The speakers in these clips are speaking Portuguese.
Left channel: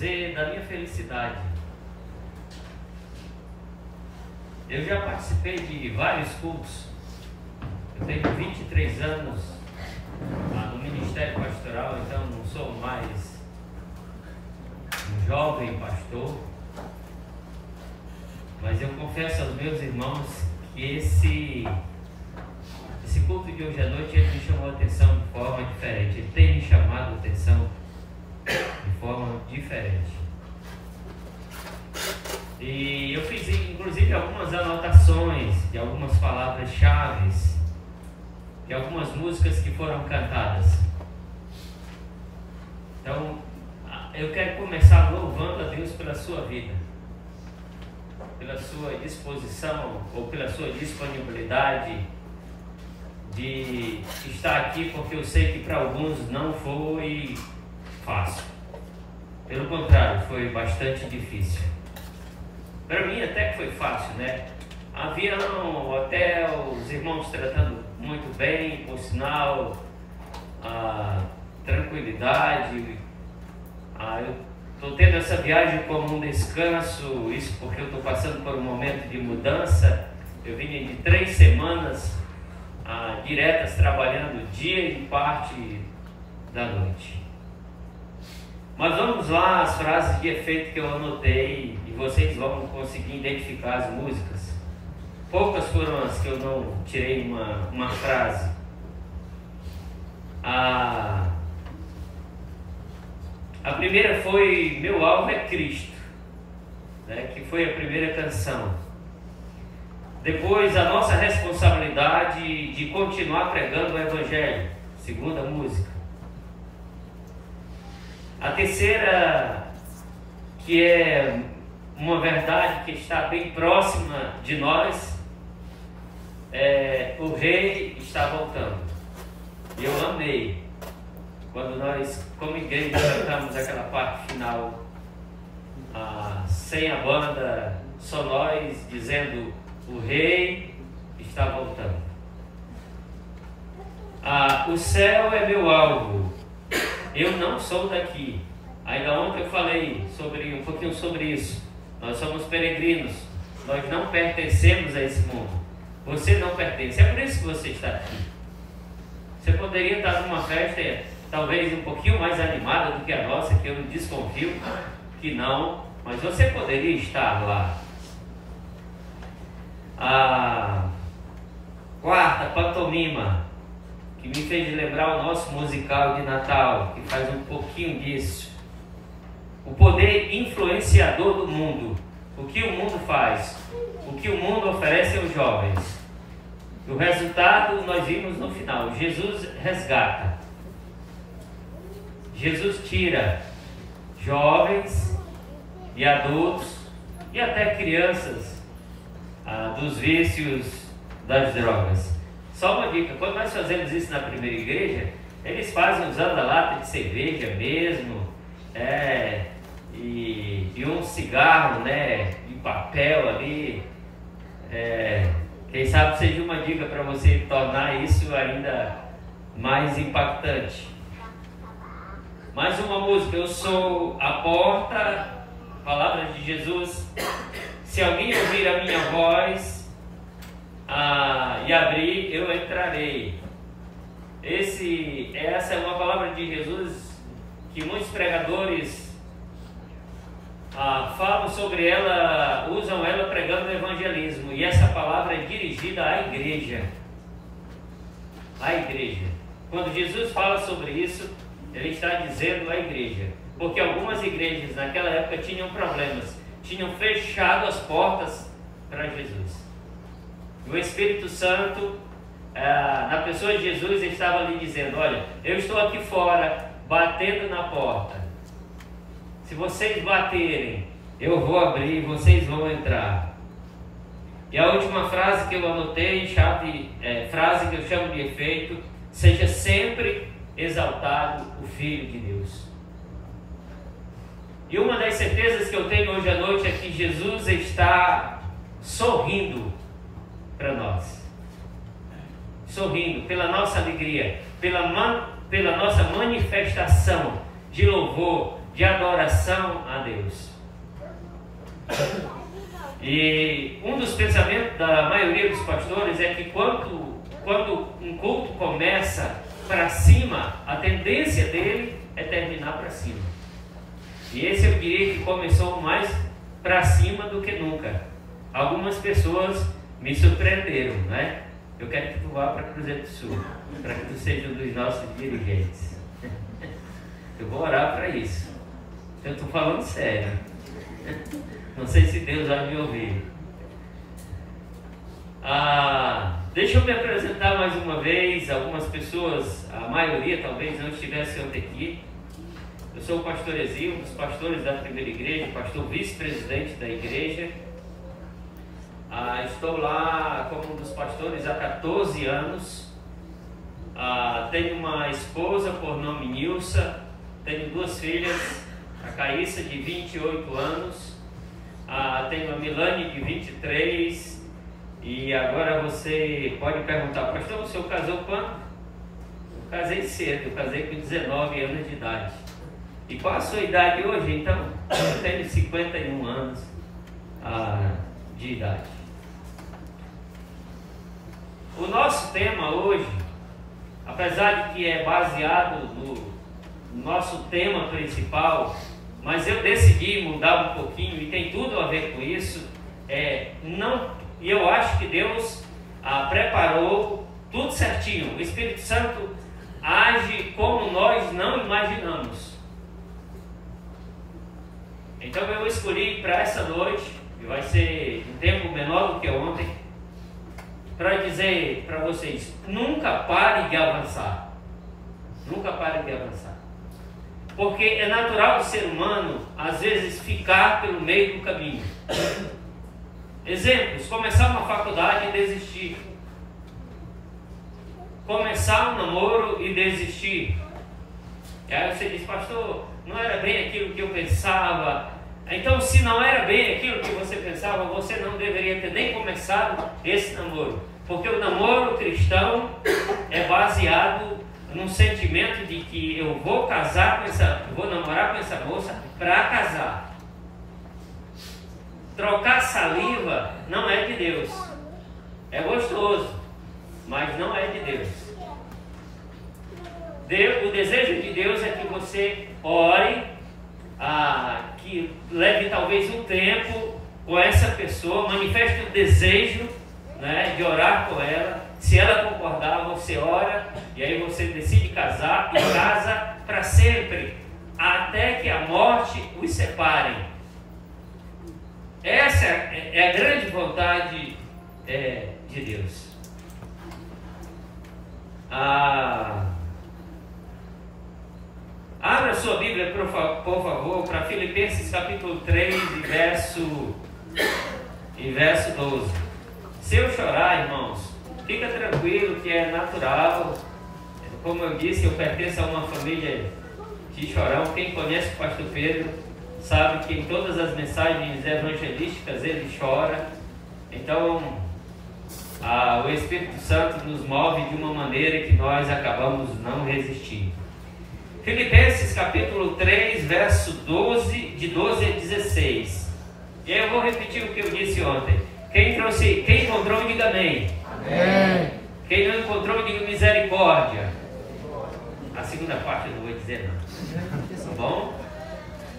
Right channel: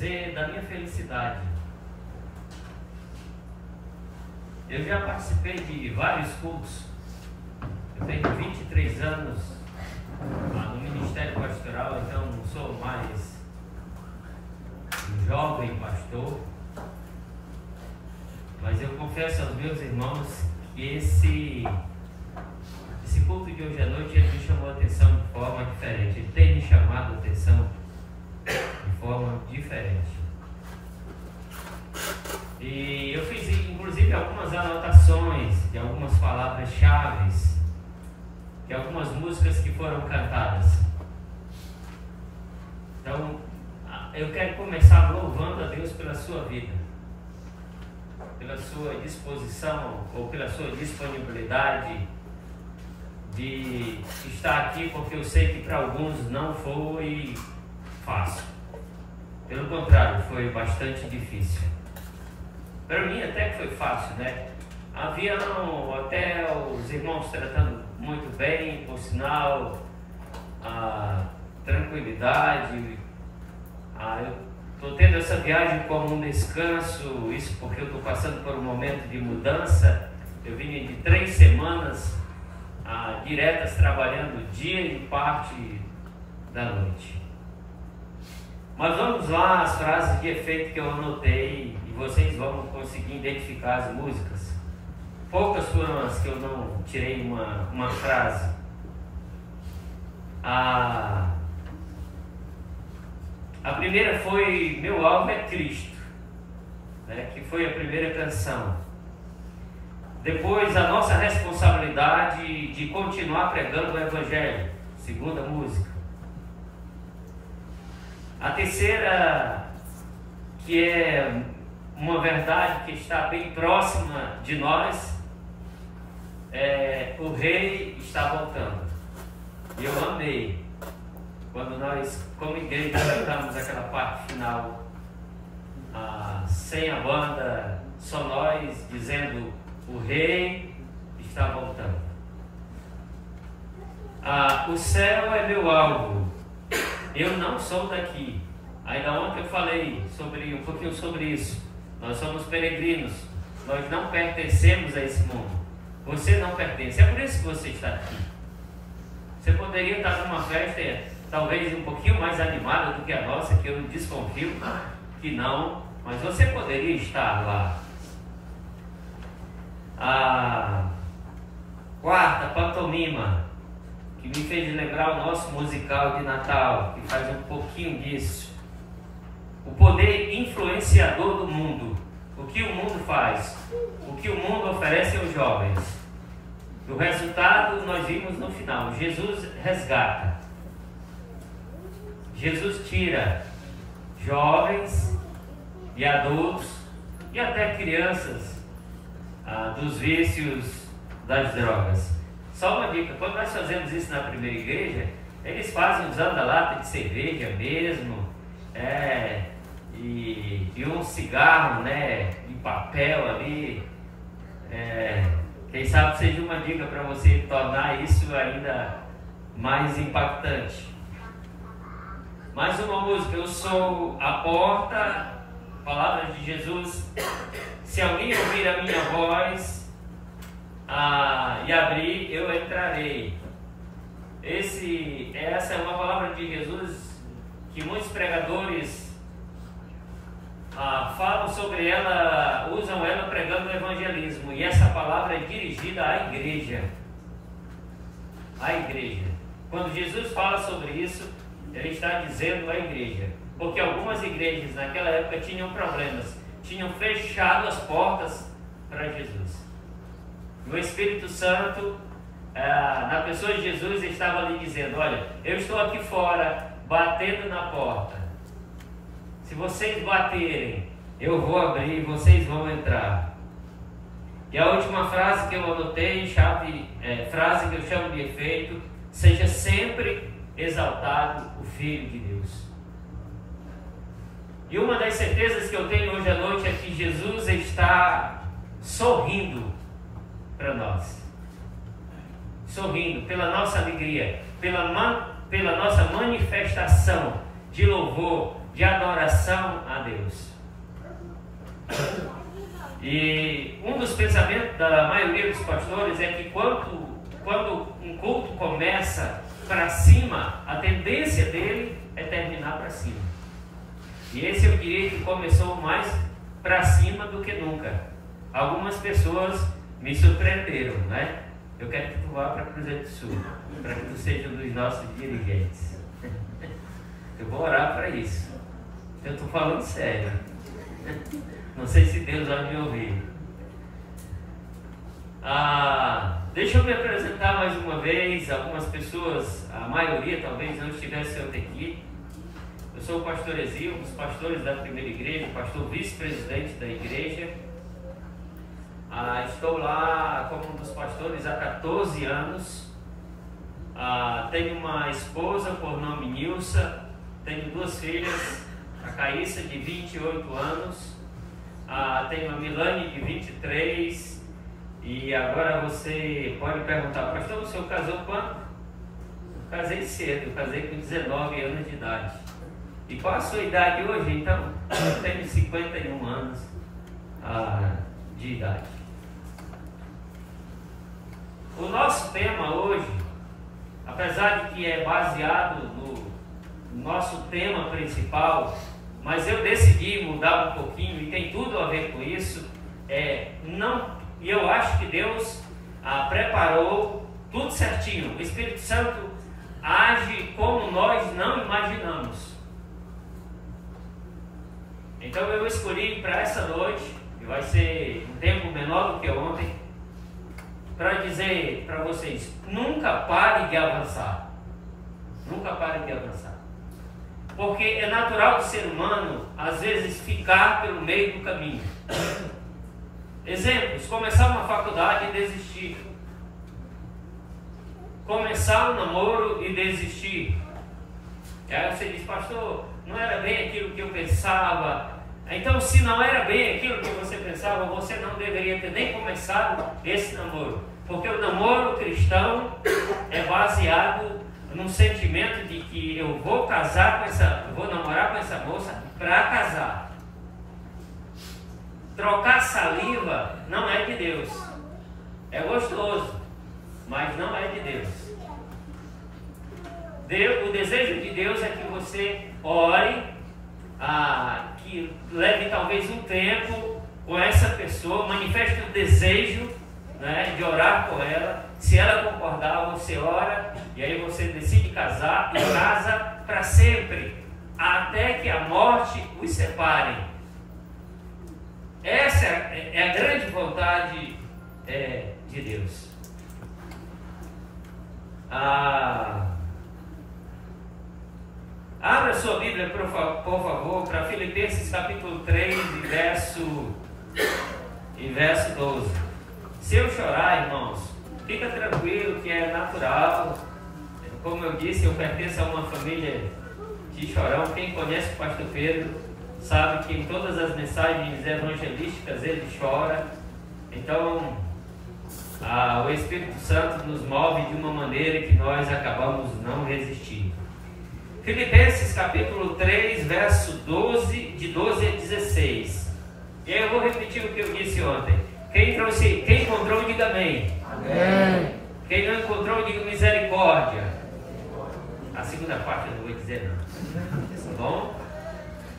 dizer da minha felicidade. Eu já participei de vários cultos. Eu tenho 23 anos no Ministério Pastoral, então não sou mais um jovem pastor. Mas eu confesso aos meus irmãos que esse culto de hoje à noite ele me chamou a atenção de forma diferente. Ele tem me chamado a atenção de forma diferente. E eu fiz inclusive algumas anotações de algumas palavras-chave, de algumas músicas que foram cantadas. Então, eu quero começar louvando a Deus pela sua vida, pela sua disposição ou pela sua disponibilidade de estar aqui, porque eu sei que para alguns não foi fácil. Pelo contrário, foi bastante difícil. Para mim até que foi fácil, né? Avião, hotel, os irmãos tratando muito bem, por sinal, tranquilidade. Eu estou tendo essa viagem como um descanso, isso porque eu estou passando por um momento de mudança. Eu vim de 3 semanas diretas trabalhando dia e parte da noite. Mas vamos lá, as frases de efeito que eu anotei e vocês vão conseguir identificar as músicas. Poucas foram as que eu não tirei uma frase. A primeira foi Meu Alvo é Cristo, né, que foi a primeira canção. Depois, a nossa responsabilidade de continuar pregando o Evangelho, segunda música. A terceira, que é uma verdade que está bem próxima de nós, o Rei está voltando. Eu amei quando nós, como igreja, cantamos aquela parte final, sem a banda, só nós dizendo: o Rei está voltando. O céu é meu alvo. Eu não sou daqui. Ainda ontem eu falei um pouquinho sobre isso. Nós somos peregrinos. Nós não pertencemos a esse mundo. Você não pertence. É por isso que você está aqui. Você poderia estar numa festa talvez um pouquinho mais animada do que a nossa, que eu não desconfio que não, mas você poderia estar lá. A quarta, pantomima, que me fez lembrar o nosso musical de Natal, que faz um pouquinho disso. O poder influenciador do mundo. O que o mundo faz, o que o mundo oferece aos jovens. O resultado nós vimos no final. Jesus resgata. Jesus tira jovens e adultos e até crianças dos vícios das drogas. Só uma dica: quando nós fazemos isso na primeira igreja, eles fazem usando a lata de cerveja mesmo, e um cigarro, né, de papel ali. Quem sabe seja uma dica para você tornar isso ainda mais impactante. Mais uma música: eu sou a porta, palavras de Jesus. Se alguém ouvir a minha voz e abrir, eu entrarei. Essa é uma palavra de Jesus que muitos pregadores falam sobre ela, usam ela pregando o evangelismo. E essa palavra é dirigida à igreja. À igreja. Quando Jesus fala sobre isso, ele está dizendo à igreja. Porque algumas igrejas naquela época tinham problemas. Tinham fechado as portas para Jesus. E o Espírito Santo, na pessoa de Jesus, estava ali dizendo: olha, eu estou aqui fora, batendo na porta. Se vocês baterem, eu vou abrir e vocês vão entrar. E a última frase que eu anotei, frase que eu chamo de efeito: seja sempre exaltado o Filho de Deus. E uma das certezas que eu tenho hoje à noite é que Jesus está sorrindo para nós. Sorrindo pela nossa alegria, pela nossa manifestação de louvor, de adoração a Deus. E um dos pensamentos da maioria dos pastores é que quando um culto começa para cima, a tendência dele é terminar para cima. E esse eu diria que começou mais para cima do que nunca. Algumas pessoas me surpreenderam, né? Eu quero que tu vá para Cruzeiro do Sul, para que tu seja um dos nossos dirigentes. Eu vou orar para isso. Eu estou falando sério. Não sei se Deus vai me ouvir. Deixa eu me apresentar mais uma vez. Algumas pessoas, a maioria talvez não estivesse ontem aqui. Eu sou o pastor Ezio, um dos pastores da primeira igreja, pastor vice-presidente da igreja. Estou lá como um dos pastores há 14 anos. Tenho uma esposa por nome Nilsa. Tenho 2 filhas, a Caíssa de 28 anos. Tenho a Milane de 23. E agora você pode perguntar, pastor, o senhor casou quando? Eu casei cedo, eu casei com 19 anos de idade. E qual a sua idade hoje, então? Eu tenho 51 anos de idade. O nosso tema hoje, apesar de que é baseado no nosso tema principal, mas eu decidi mudar um pouquinho e tem tudo a ver com isso, e eu acho que Deus preparou tudo certinho. O Espírito Santo age como nós não imaginamos. Então eu escolhi para essa noite, que vai ser um tempo menor do que ontem, para dizer para vocês, nunca pare de avançar. Nunca pare de avançar. Porque é natural do ser humano, às vezes, ficar pelo meio do caminho. Exemplos: começar uma faculdade e desistir. Começar um namoro e desistir. E aí você diz, pastor, não era bem aquilo que eu pensava. Então, se não era bem aquilo que você pensava, você não deveria ter nem começado esse namoro. Porque o namoro cristão é baseado num sentimento de que eu vou namorar com essa moça para casar. Trocar saliva não é de Deus. É gostoso, mas não é de Deus. O desejo de Deus é que você ore, que leve talvez um tempo com essa pessoa, manifeste o desejo, né, de orar por ela. Se ela concordar, você ora, e aí você decide casar, e casa para sempre, até que a morte os separe. Essa é a grande vontade de Deus. Abra sua Bíblia, por favor, para Filipenses capítulo 3 e verso 12. Se eu chorar, irmãos, fica tranquilo que é natural. Como eu disse, eu pertenço a uma família de chorão. Quem conhece o pastor Pedro sabe que em todas as mensagens evangelísticas ele chora. Então, o Espírito Santo nos move de uma maneira que nós acabamos não resistindo. Filipenses capítulo 3, verso 12, de 12 a 16. E aí eu vou repetir o que eu disse ontem. Quem encontrou, diga amém. Amém. Quem não encontrou, diga misericórdia. A segunda parte eu não vou dizer não. Tá bom?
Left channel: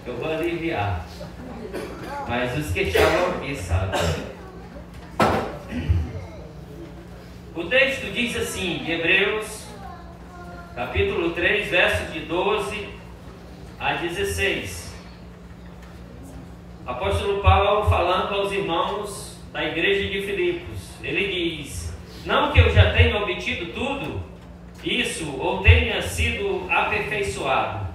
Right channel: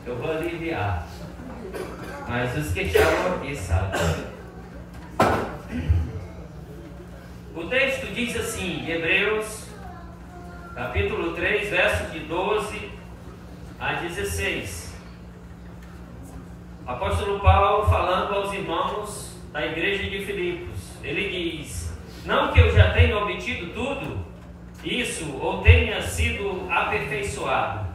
Eu vou aliviar. Mas os que estavam aqui sabem. O texto diz assim, de Hebreus, capítulo 3, verso de 12 a 16. Apóstolo Paulo falando aos irmãos da igreja de Filipos. Ele diz: não que eu já tenha obtido tudo isso ou tenha sido aperfeiçoado,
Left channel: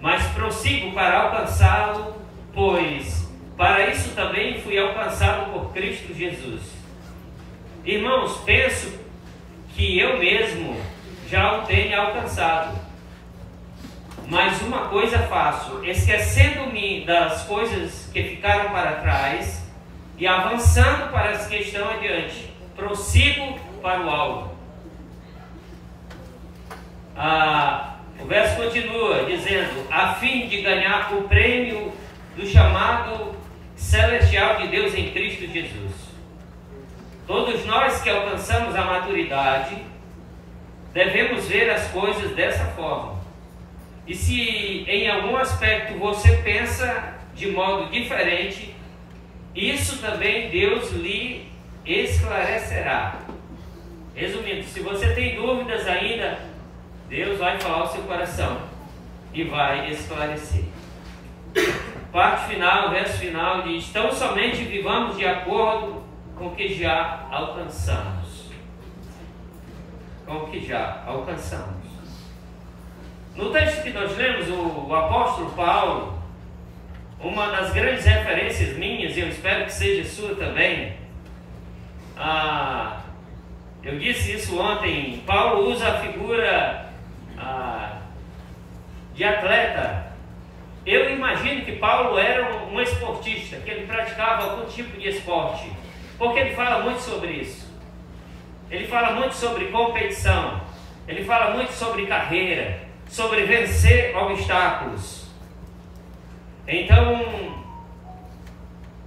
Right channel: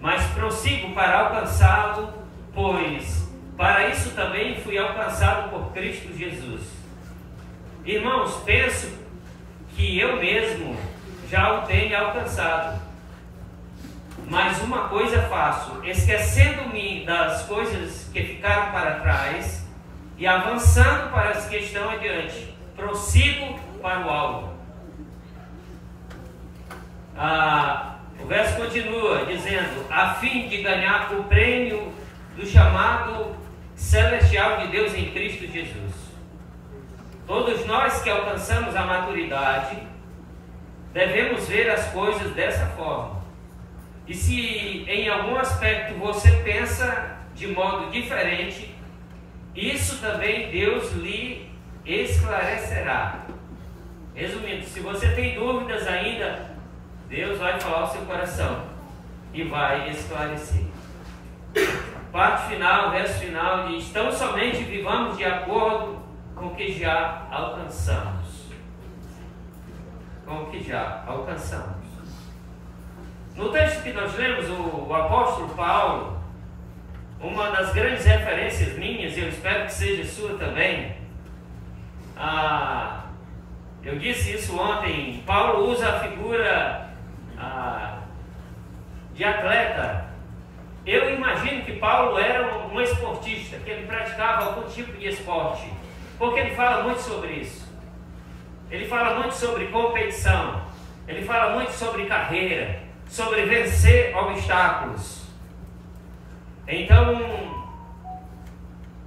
mas prossigo para alcançá-lo, pois para isso também fui alcançado por Cristo Jesus. Irmãos, penso que eu mesmo já o tenho alcançado, mas uma coisa faço, esquecendo-me das coisas que ficaram para trás e avançando para as que estão adiante, prossigo para o alvo. O verso continua dizendo: a fim de ganhar o prêmio do chamado celestial de Deus em Cristo Jesus. Todos nós que alcançamos a maturidade devemos ver as coisas dessa forma. E se em algum aspecto você pensa de modo diferente, isso também Deus lhe esclarecerá. Resumindo, se você tem dúvidas ainda, Deus vai falar ao seu coração e vai esclarecer. Parte final, verso final diz: tão somente vivamos de acordo com o que já alcançamos. Com o que já alcançamos. No texto que nós lemos, o apóstolo Paulo, uma das grandes referências minhas, e eu espero que seja sua também, eu disse isso ontem, Paulo usa a figura de atleta. Eu imagino que Paulo era um esportista, que ele praticava algum tipo de esporte, porque ele fala muito sobre isso. Ele fala muito sobre competição, ele fala muito sobre carreira, sobre vencer obstáculos. Então,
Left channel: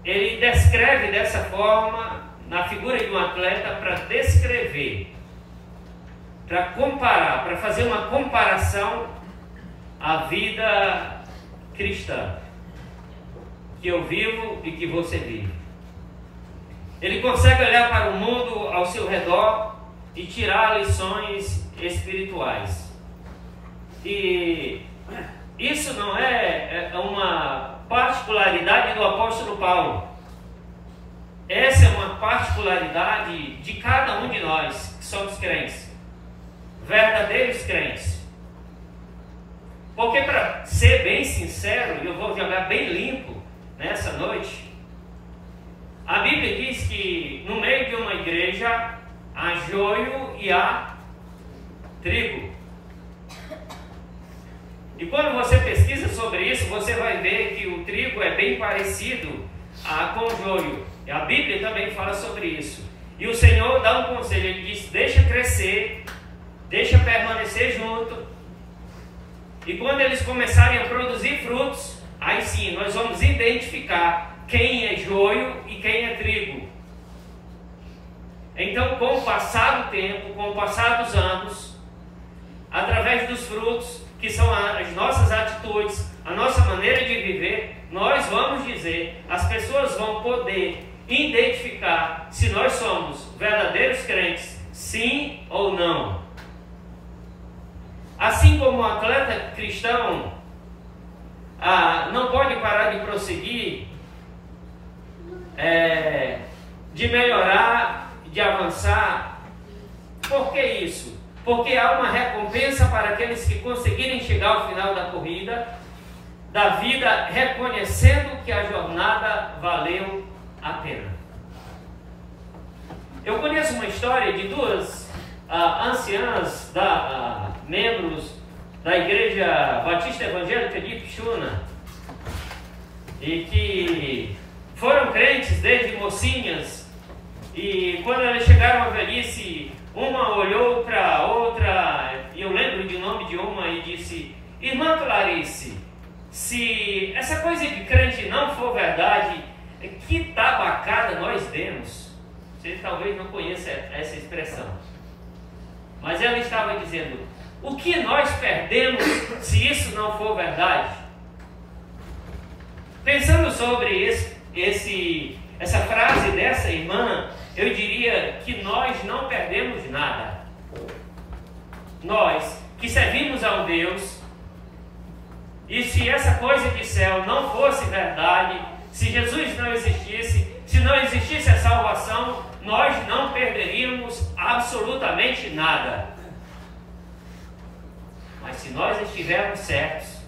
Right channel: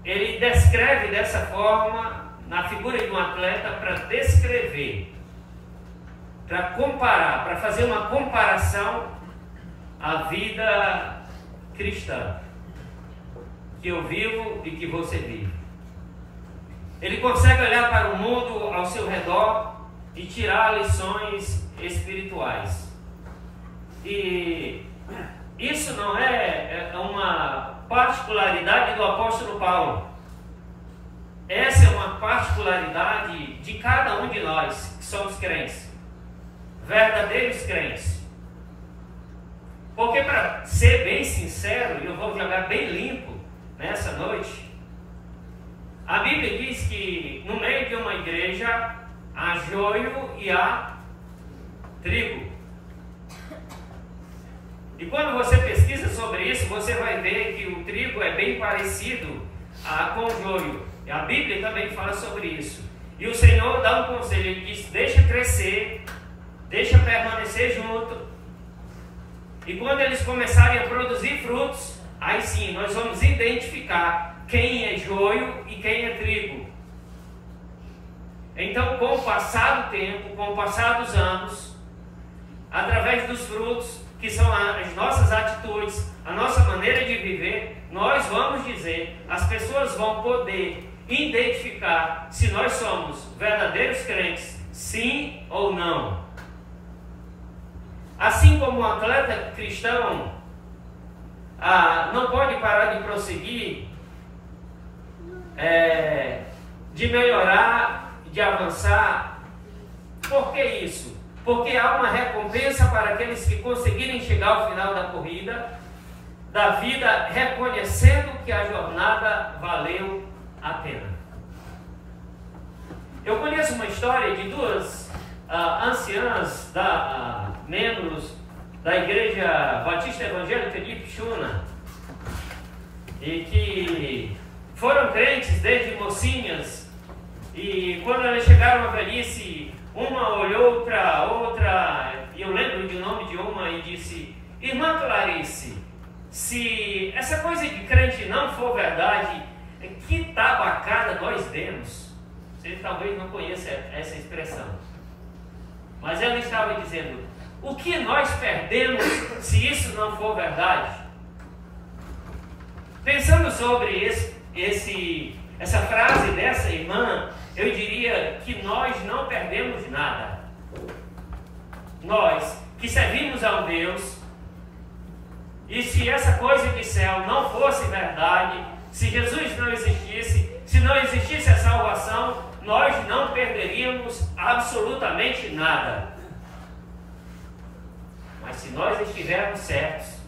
ele descreve dessa forma, na figura de um atleta, para descrever, para comparar, para fazer uma comparação à vida cristã que eu vivo e que você vive. Ele consegue olhar para o mundo ao seu redor e tirar lições espirituais. E isso não é uma particularidade do apóstolo Paulo. Essa é uma particularidade de cada um de nós que somos crentes, verdadeiros crentes. Porque, para ser bem sincero, e eu vou jogar bem limpo nessa noite, a Bíblia diz que no meio de uma igreja há joio e há trigo. E quando você pesquisa sobre isso, você vai ver que o trigo é bem parecido com o joio. E a Bíblia também fala sobre isso. E o Senhor dá um conselho, Ele diz: deixa crescer, deixa permanecer junto. E quando eles começarem a produzir frutos, aí sim, nós vamos identificar quem é joio e quem é trigo. Então, com o passar do tempo, com o passar dos anos, através dos frutos, que são as nossas atitudes, a nossa maneira de viver, nós vamos dizer, as pessoas vão poder identificar se nós somos verdadeiros crentes, sim ou não. Assim como um atleta cristão não pode parar de prosseguir, de melhorar, de avançar. Por que isso? Porque há uma recompensa para aqueles que conseguirem chegar ao final da corrida, da vida, reconhecendo que a jornada valeu a pena. Eu conheço uma história de duas anciãs, membros da Igreja Batista Evangélica de Ipixuna, e que foram crentes desde mocinhas, e quando elas chegaram à velhice, uma olhou para a outra, e eu lembro do nome de uma, e disse: irmã Clarice, se essa coisa de crente não for verdade, que tabacada nós demos. Você talvez não conheça essa expressão, mas ela estava dizendo: o que nós perdemos se isso não for verdade? Pensando sobre essa frase dessa irmã, eu diria que nós não perdemos nada. Nós que servimos a um Deus, e se essa coisa de céu não fosse verdade, se Jesus não existisse, se não existisse a salvação, nós não perderíamos absolutamente nada. Mas se nós estivermos certos,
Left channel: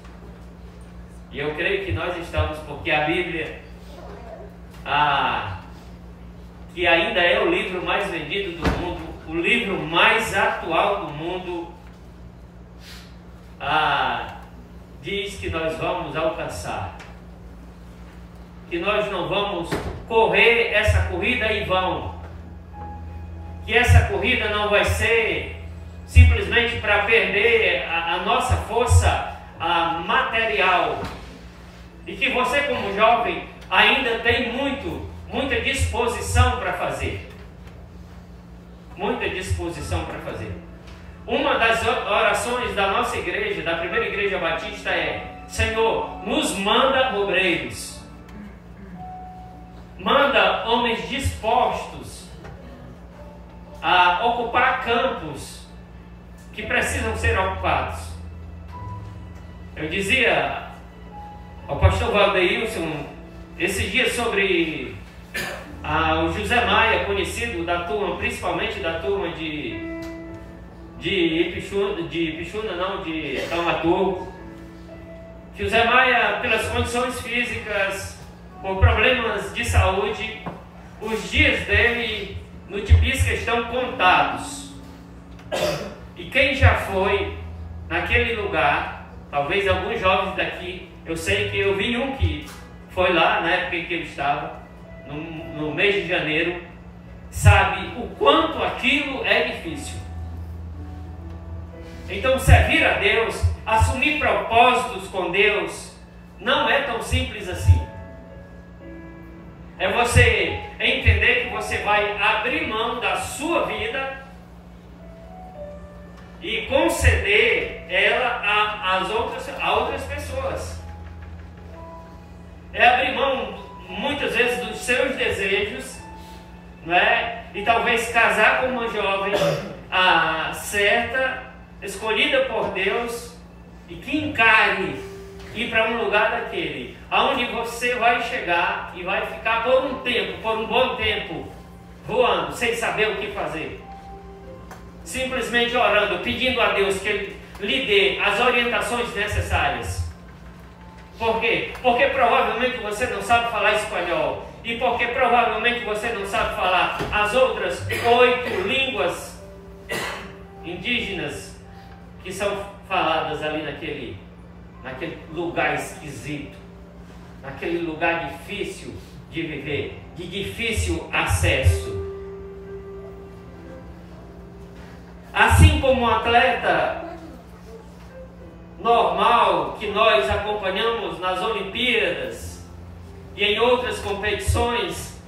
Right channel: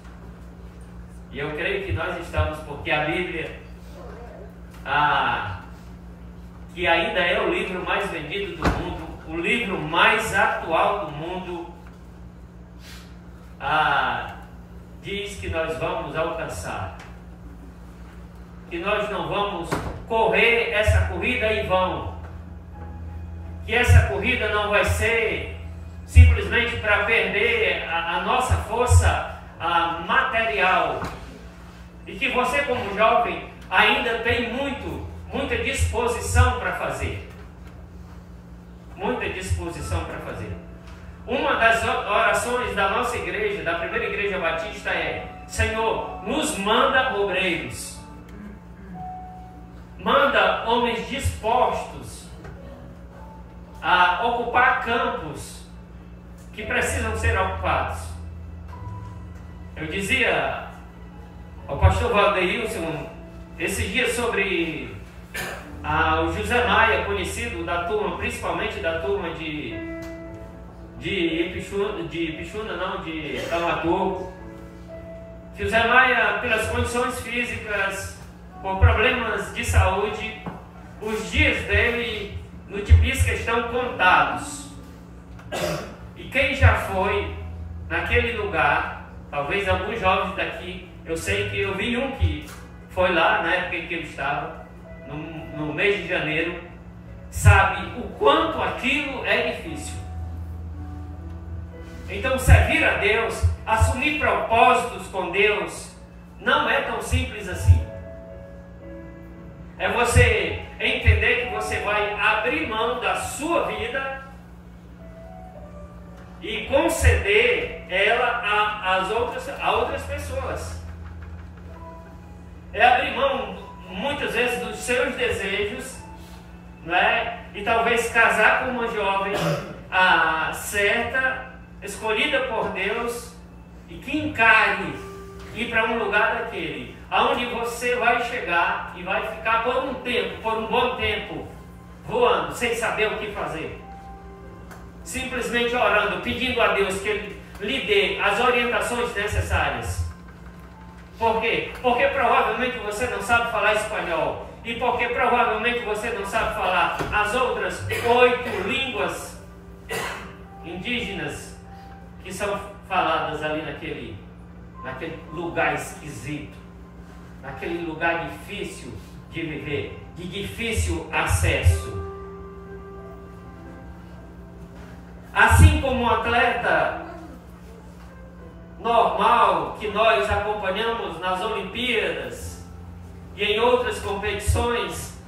e eu creio que nós estamos, porque a Bíblia, que ainda é o livro mais vendido do mundo, o livro mais atual do mundo, diz que nós vamos alcançar, que nós não vamos correr essa corrida em vão, que essa corrida não vai ser simplesmente para perder a nossa força material. E que você, como jovem, ainda tem muita disposição para fazer. Muita disposição para fazer. Uma das orações da nossa igreja, da primeira igreja batista, é: Senhor, nos manda obreiros. Manda homens dispostos a ocupar campos que precisam ser ocupados. Eu dizia ao pastor Valdeilson esses dias sobre o José Maia, conhecido da turma, principalmente da turma de Taumaturgo. José Maia, pelas condições físicas, por problemas de saúde, os dias dele no Tipisca estão contados. E quem já foi naquele lugar, talvez alguns jovens daqui, eu sei que eu vi um que foi lá na época em que ele estava, no mês de janeiro, sabe o quanto aquilo é difícil. Então, servir a Deus, assumir propósitos com Deus, não é tão simples assim. É você entender que você vai abrir mão da sua vida e conceder ela a outras pessoas. É abrir mão, muitas vezes, dos seus desejos, não é? E talvez casar com uma jovem certa, escolhida por Deus, e que encare ir para um lugar daquele, aonde você vai chegar e vai ficar por um bom tempo, voando, sem saber o que fazer. Simplesmente orando, pedindo a Deus que Ele lhe dê as orientações necessárias. Por quê? Porque provavelmente você não sabe falar espanhol. E porque provavelmente você não sabe falar as outras 8 línguas indígenas que são faladas ali naquele lugar esquisito, naquele lugar difícil de viver, de difícil acesso. Assim como um atleta normal que nós acompanhamos nas Olimpíadas e em outras competições,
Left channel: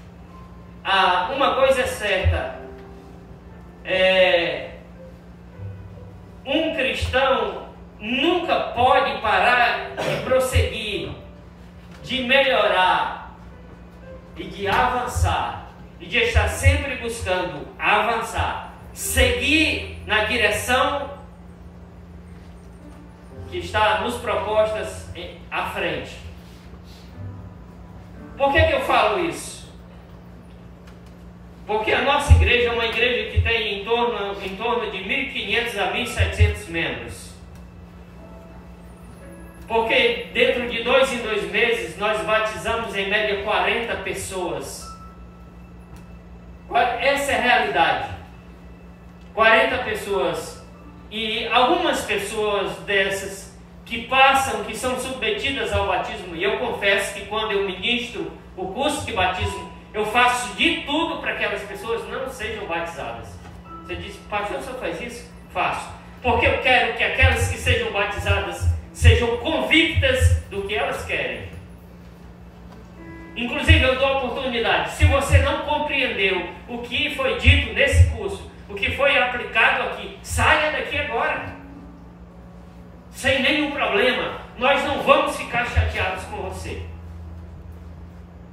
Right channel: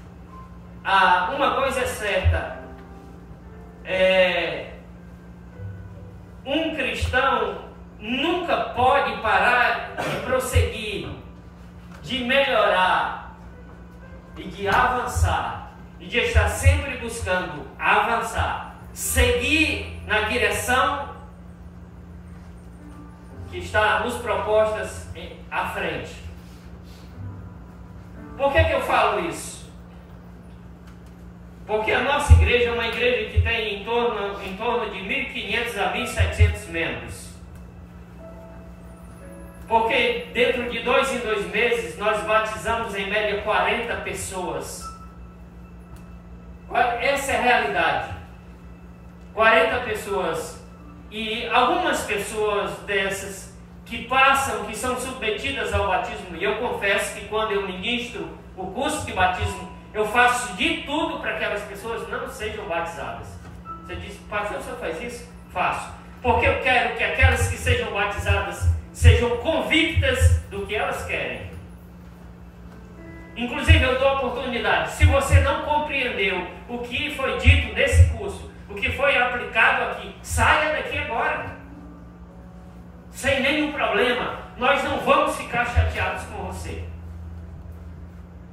uma coisa é certa: um cristão nunca pode parar de prosseguir, de melhorar e de avançar, e de estar sempre buscando avançar, seguir na direção que está nos propostas à frente. Por que eu falo isso? Porque a nossa igreja é uma igreja que tem em torno de 1.500 a 1.700 membros. Porque dentro de 2 em 2 meses nós batizamos em média 40 pessoas. Essa é a realidade. 40 pessoas. E algumas pessoas dessas que são submetidas ao batismo, e eu confesso que quando eu ministro o curso de batismo, eu faço de tudo para que aquelas pessoas não sejam batizadas. Você diz: pastor, o senhor faz isso? Faço. Porque eu quero que aquelas que sejam batizadas sejam convictas do que elas querem. Inclusive, eu dou a oportunidade. Se você não compreendeu o que foi dito nesse curso, o que foi aplicado aqui, saia daqui agora. Sem nenhum problema. Nós não vamos ficar chateados com você.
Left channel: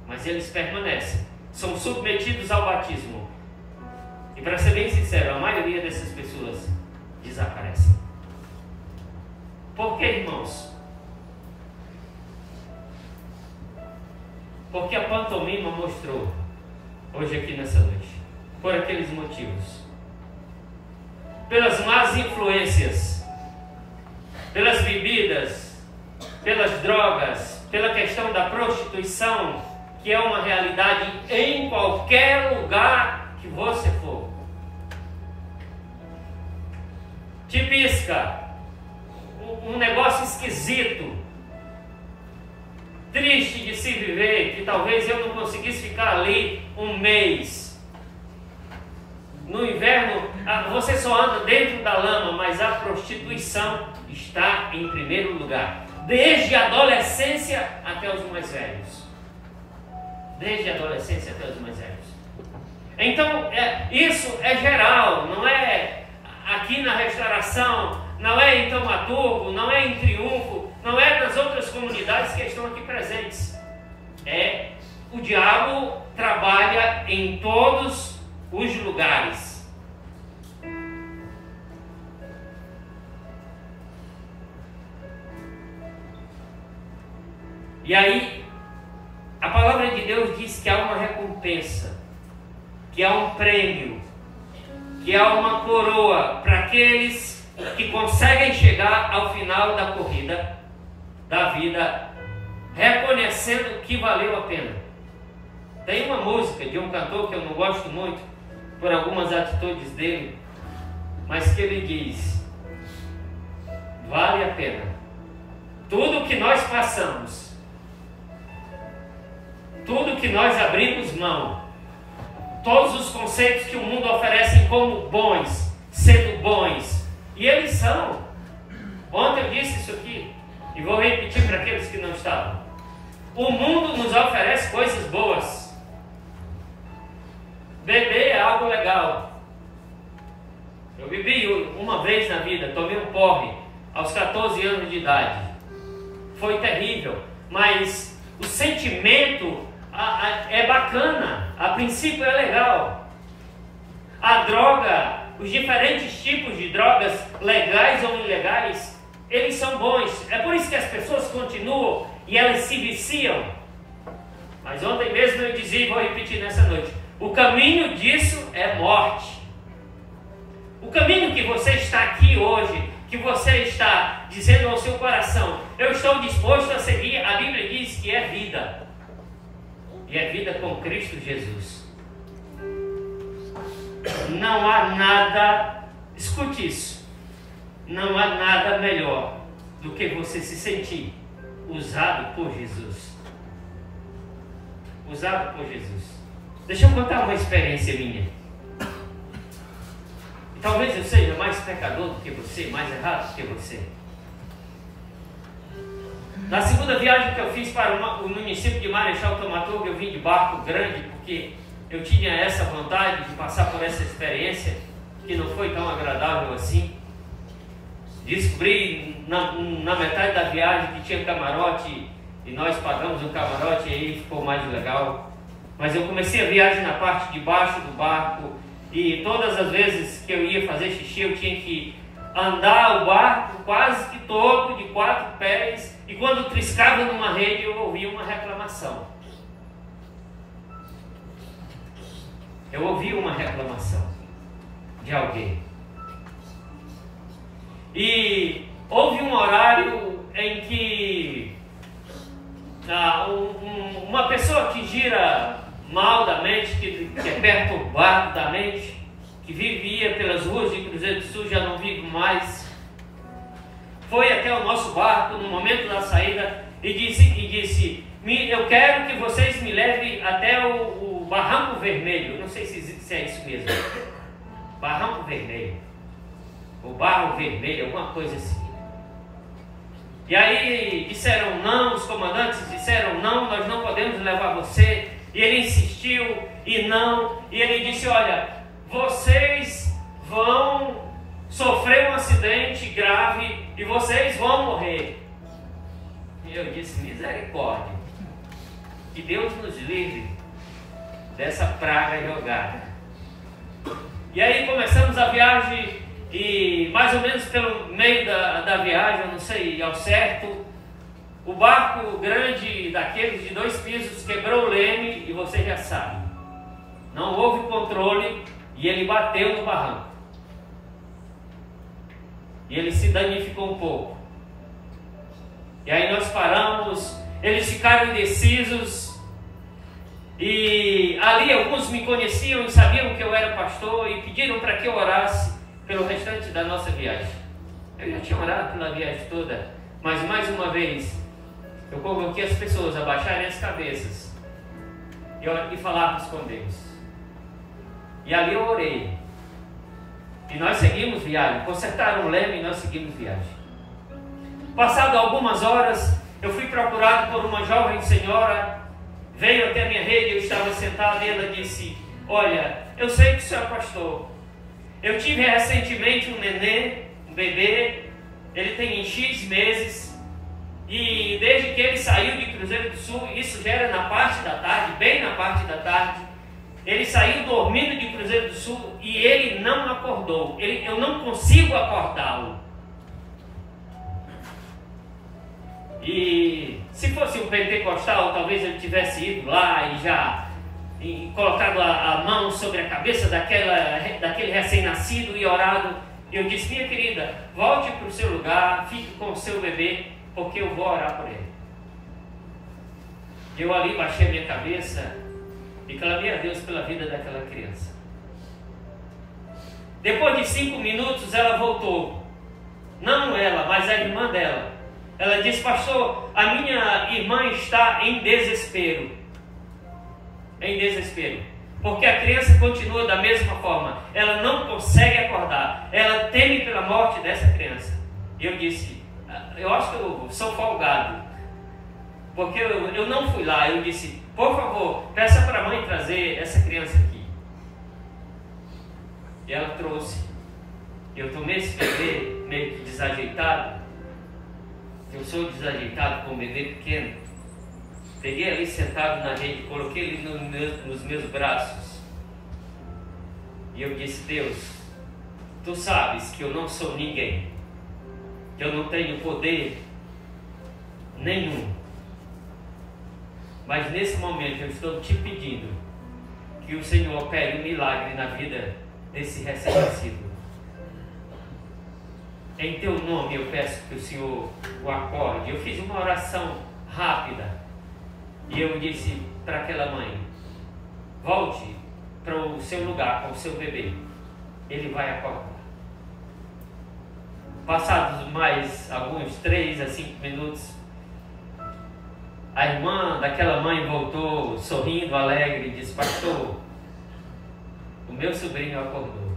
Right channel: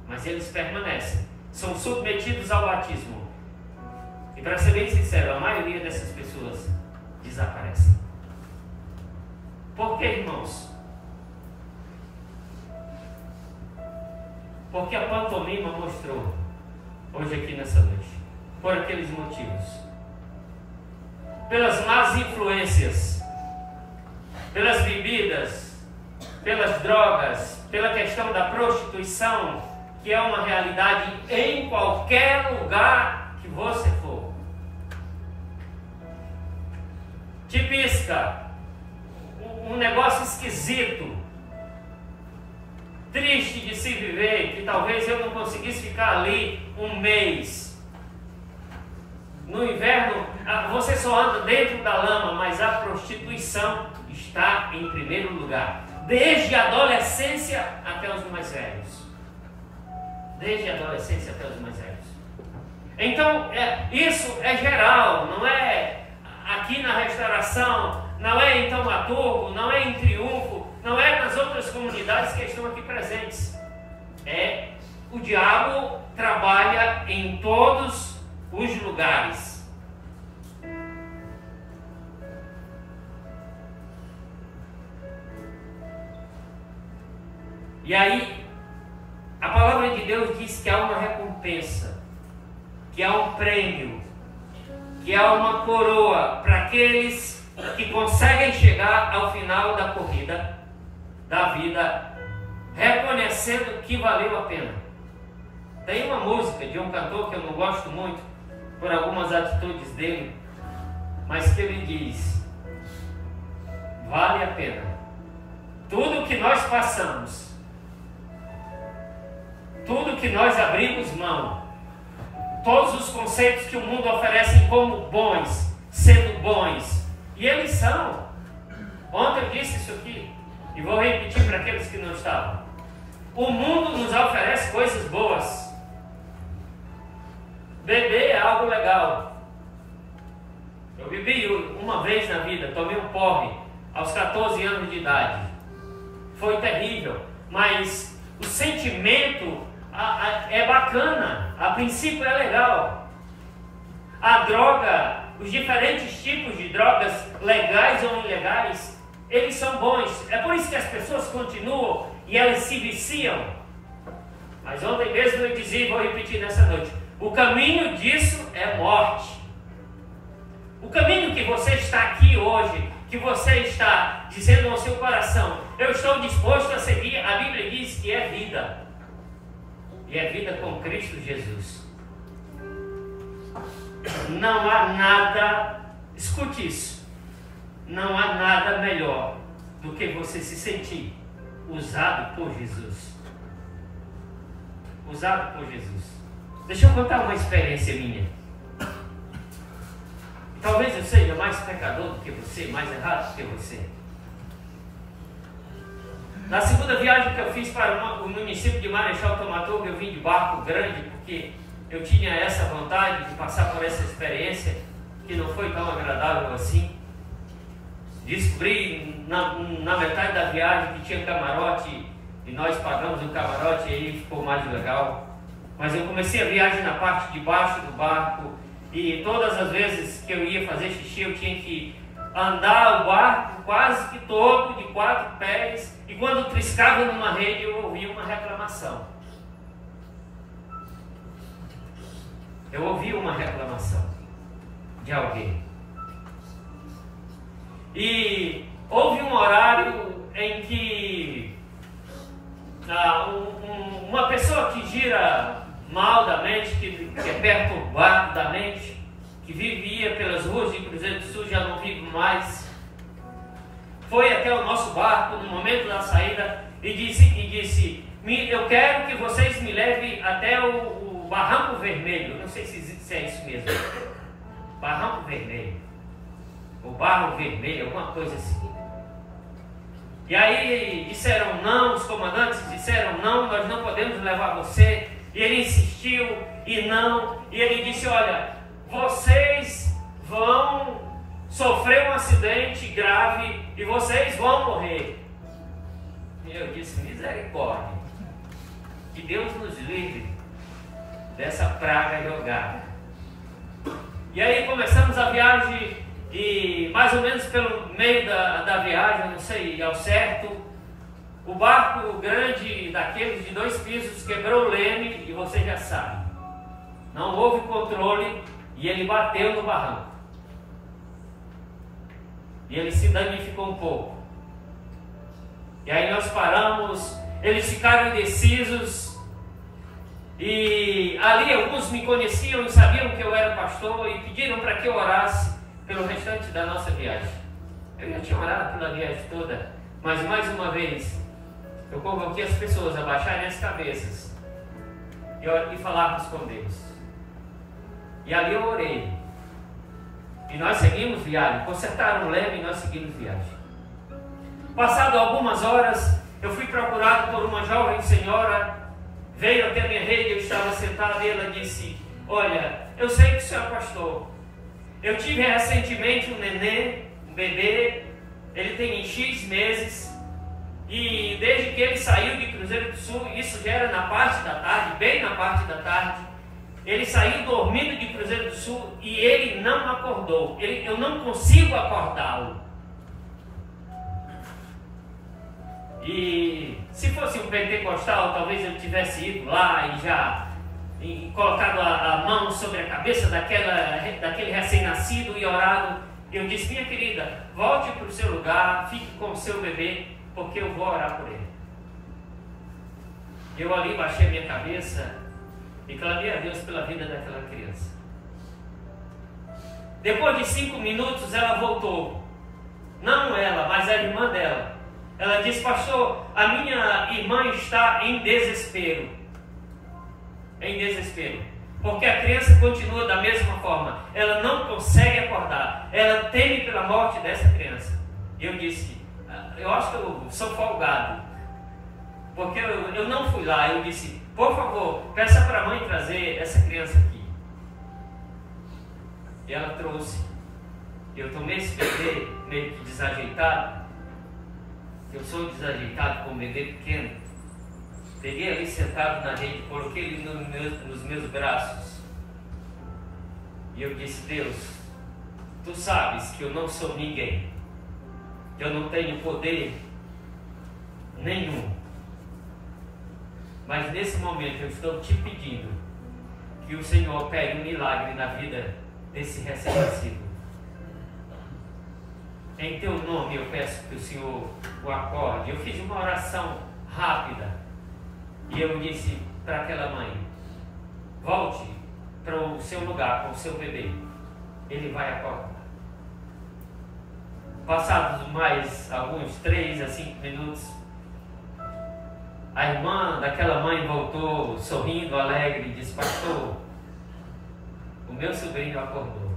Mas eles permanecem. São submetidos ao batismo. E para ser bem sincero, a maioria dessas pessoas desaparecem. Por que, irmãos? Porque a pantomima mostrou hoje aqui nessa noite. Por aqueles motivos. Pelas más influências, pelas bebidas, pelas drogas, pela questão da prostituição, que é uma realidade em qualquer lugar que você for. Tipisca, um negócio esquisito, triste de se viver, que talvez eu não conseguisse ficar ali um mês. No inverno você só anda dentro da lama, mas a prostituição está em primeiro lugar. Desde a adolescência até os mais velhos. Desde a adolescência até os mais velhos. Então, isso é geral, não é aqui na Restauração, não é em Taumaturgo, não é em Triunfo, não é nas outras comunidades que estão aqui presentes. O diabo trabalha em todos os lugares. E aí, a palavra de Deus diz que há uma recompensa, que há um prêmio, que há uma coroa para aqueles que conseguem chegar ao final da corrida da vida, reconhecendo que valeu a pena. Tem uma música de um cantor que eu não gosto muito, por algumas atitudes dele, mas que ele diz: vale a pena. Tudo que nós passamos, tudo que nós abrimos mão, todos os conceitos que o mundo oferece como bons, sendo bons, e eles são. Ontem eu disse isso aqui, e vou repetir para aqueles que não estavam. O mundo nos oferece coisas boas. Beber é algo legal. Eu bebi uma vez na vida, tomei um porre aos 14 anos de idade. Foi terrível, mas o sentimento é bacana, a princípio é legal. A droga, os diferentes tipos de drogas, legais ou ilegais, eles são bons. É por isso que as pessoas continuam e elas se viciam. Mas ontem mesmo eu dizia e vou repetir nessa noite: o caminho disso é morte. O caminho que você está aqui hoje, que você está dizendo ao seu coração: eu estou disposto a seguir, a Bíblia diz que é vida. E é vida com Cristo Jesus. Não há nada, escute isso, não há nada melhor do que você se sentir usado por Jesus. Usado por Jesus. Deixa eu contar uma experiência minha. Talvez eu seja mais pecador do que você, mais errado do que você. Na segunda viagem que eu fiz para o município de Marechal Taumaturgo, eu vim de barco grande, porque eu tinha essa vontade de passar por essa experiência, que não foi tão agradável assim. Descobri na metade da viagem que tinha camarote, e nós pagamos um camarote, e aí ficou mais legal. Mas eu comecei a viagem na parte de baixo do barco, e todas as vezes que eu ia fazer xixi, eu tinha que andar o barco quase que todo, de 4 pés, e quando triscava numa rede, eu ouvia uma reclamação. Eu ouvi uma reclamação de alguém. E houve um horário em que uma pessoa que gira mal da mente, que é perturbado da mente, que vivia pelas ruas de Cruzeiro do Sul, já não vive mais, foi até o nosso barco no momento da saída e disse: eu quero que vocês me levem até o Barranco Vermelho. Não sei se é isso mesmo. Barranco Vermelho, o Barro Vermelho, alguma coisa assim. E aí disseram não, os comandantes disseram não, nós não podemos levar você. E ele insistiu e não, e ele disse: olha, vocês vão sofrer um acidente grave e vocês vão morrer. E eu disse: misericórdia, que Deus nos livre dessa praga jogada. E aí começamos a viagem, e mais ou menos pelo meio da viagem, eu não sei ao certo, o barco grande daqueles de 2 pisos quebrou o leme, e você já sabe, não houve controle e ele bateu no barranco. E ele se danificou um pouco. E aí nós paramos, eles ficaram indecisos, e ali alguns me conheciam e sabiam que eu era pastor e pediram para que eu orasse pelo restante da nossa viagem. Eu já tinha orado pela viagem toda, mas mais uma vez eu convoquei as pessoas a baixarem as cabeças e falarmos com Deus. E ali eu orei. E nós seguimos viagem. Consertaram o leme e nós seguimos viagem. Passado algumas horas, eu fui procurado por uma jovem senhora. Veio até a minha rede, eu estava sentado e ela disse: olha, eu sei que o senhor é pastor. Eu tive recentemente um nenê, um bebê. Ele tem X meses. E desde que ele saiu de Cruzeiro do Sul, isso já era na parte da tarde, bem na parte da tarde, ele saiu dormindo de Cruzeiro do Sul e ele não acordou. Eu não consigo acordá-lo. E se fosse um pentecostal, talvez ele tivesse ido lá e já colocado a mão sobre a cabeça daquele recém-nascido e orado. Eu disse: minha querida, volte para o seu lugar, fique com o seu bebê, porque eu vou orar por ele. Eu ali baixei a minha cabeça e clamei a Deus pela vida daquela criança. Depois de 5 minutos ela voltou. Não ela, mas a irmã dela. Ela disse: pastor, a minha irmã está em desespero. Em desespero. Porque a criança continua da mesma forma. Ela não consegue acordar. Ela teme pela morte dessa criança. E eu disse: eu acho que eu sou folgado. Porque eu não fui lá. Eu disse: por favor, peça para a mãe trazer essa criança aqui. E ela trouxe. Eu tomei esse bebê meio que desajeitado. Eu sou desajeitado com um bebê pequeno. Peguei ali sentado na rede, coloquei ele nos meus braços. E eu disse: Deus, tu sabes que eu não sou ninguém. Que eu não tenho poder nenhum. Mas nesse momento eu estou te pedindo que o Senhor opere um milagre na vida desse recém-nascido. Em teu nome eu peço que o Senhor o acorde. Eu fiz uma oração rápida e eu disse para aquela mãe: volte para o seu lugar com o seu bebê, ele vai acordar. Passados mais alguns 3 a 5 minutos, a irmã daquela mãe voltou sorrindo, alegre, e disse: pastor, o meu sobrinho acordou.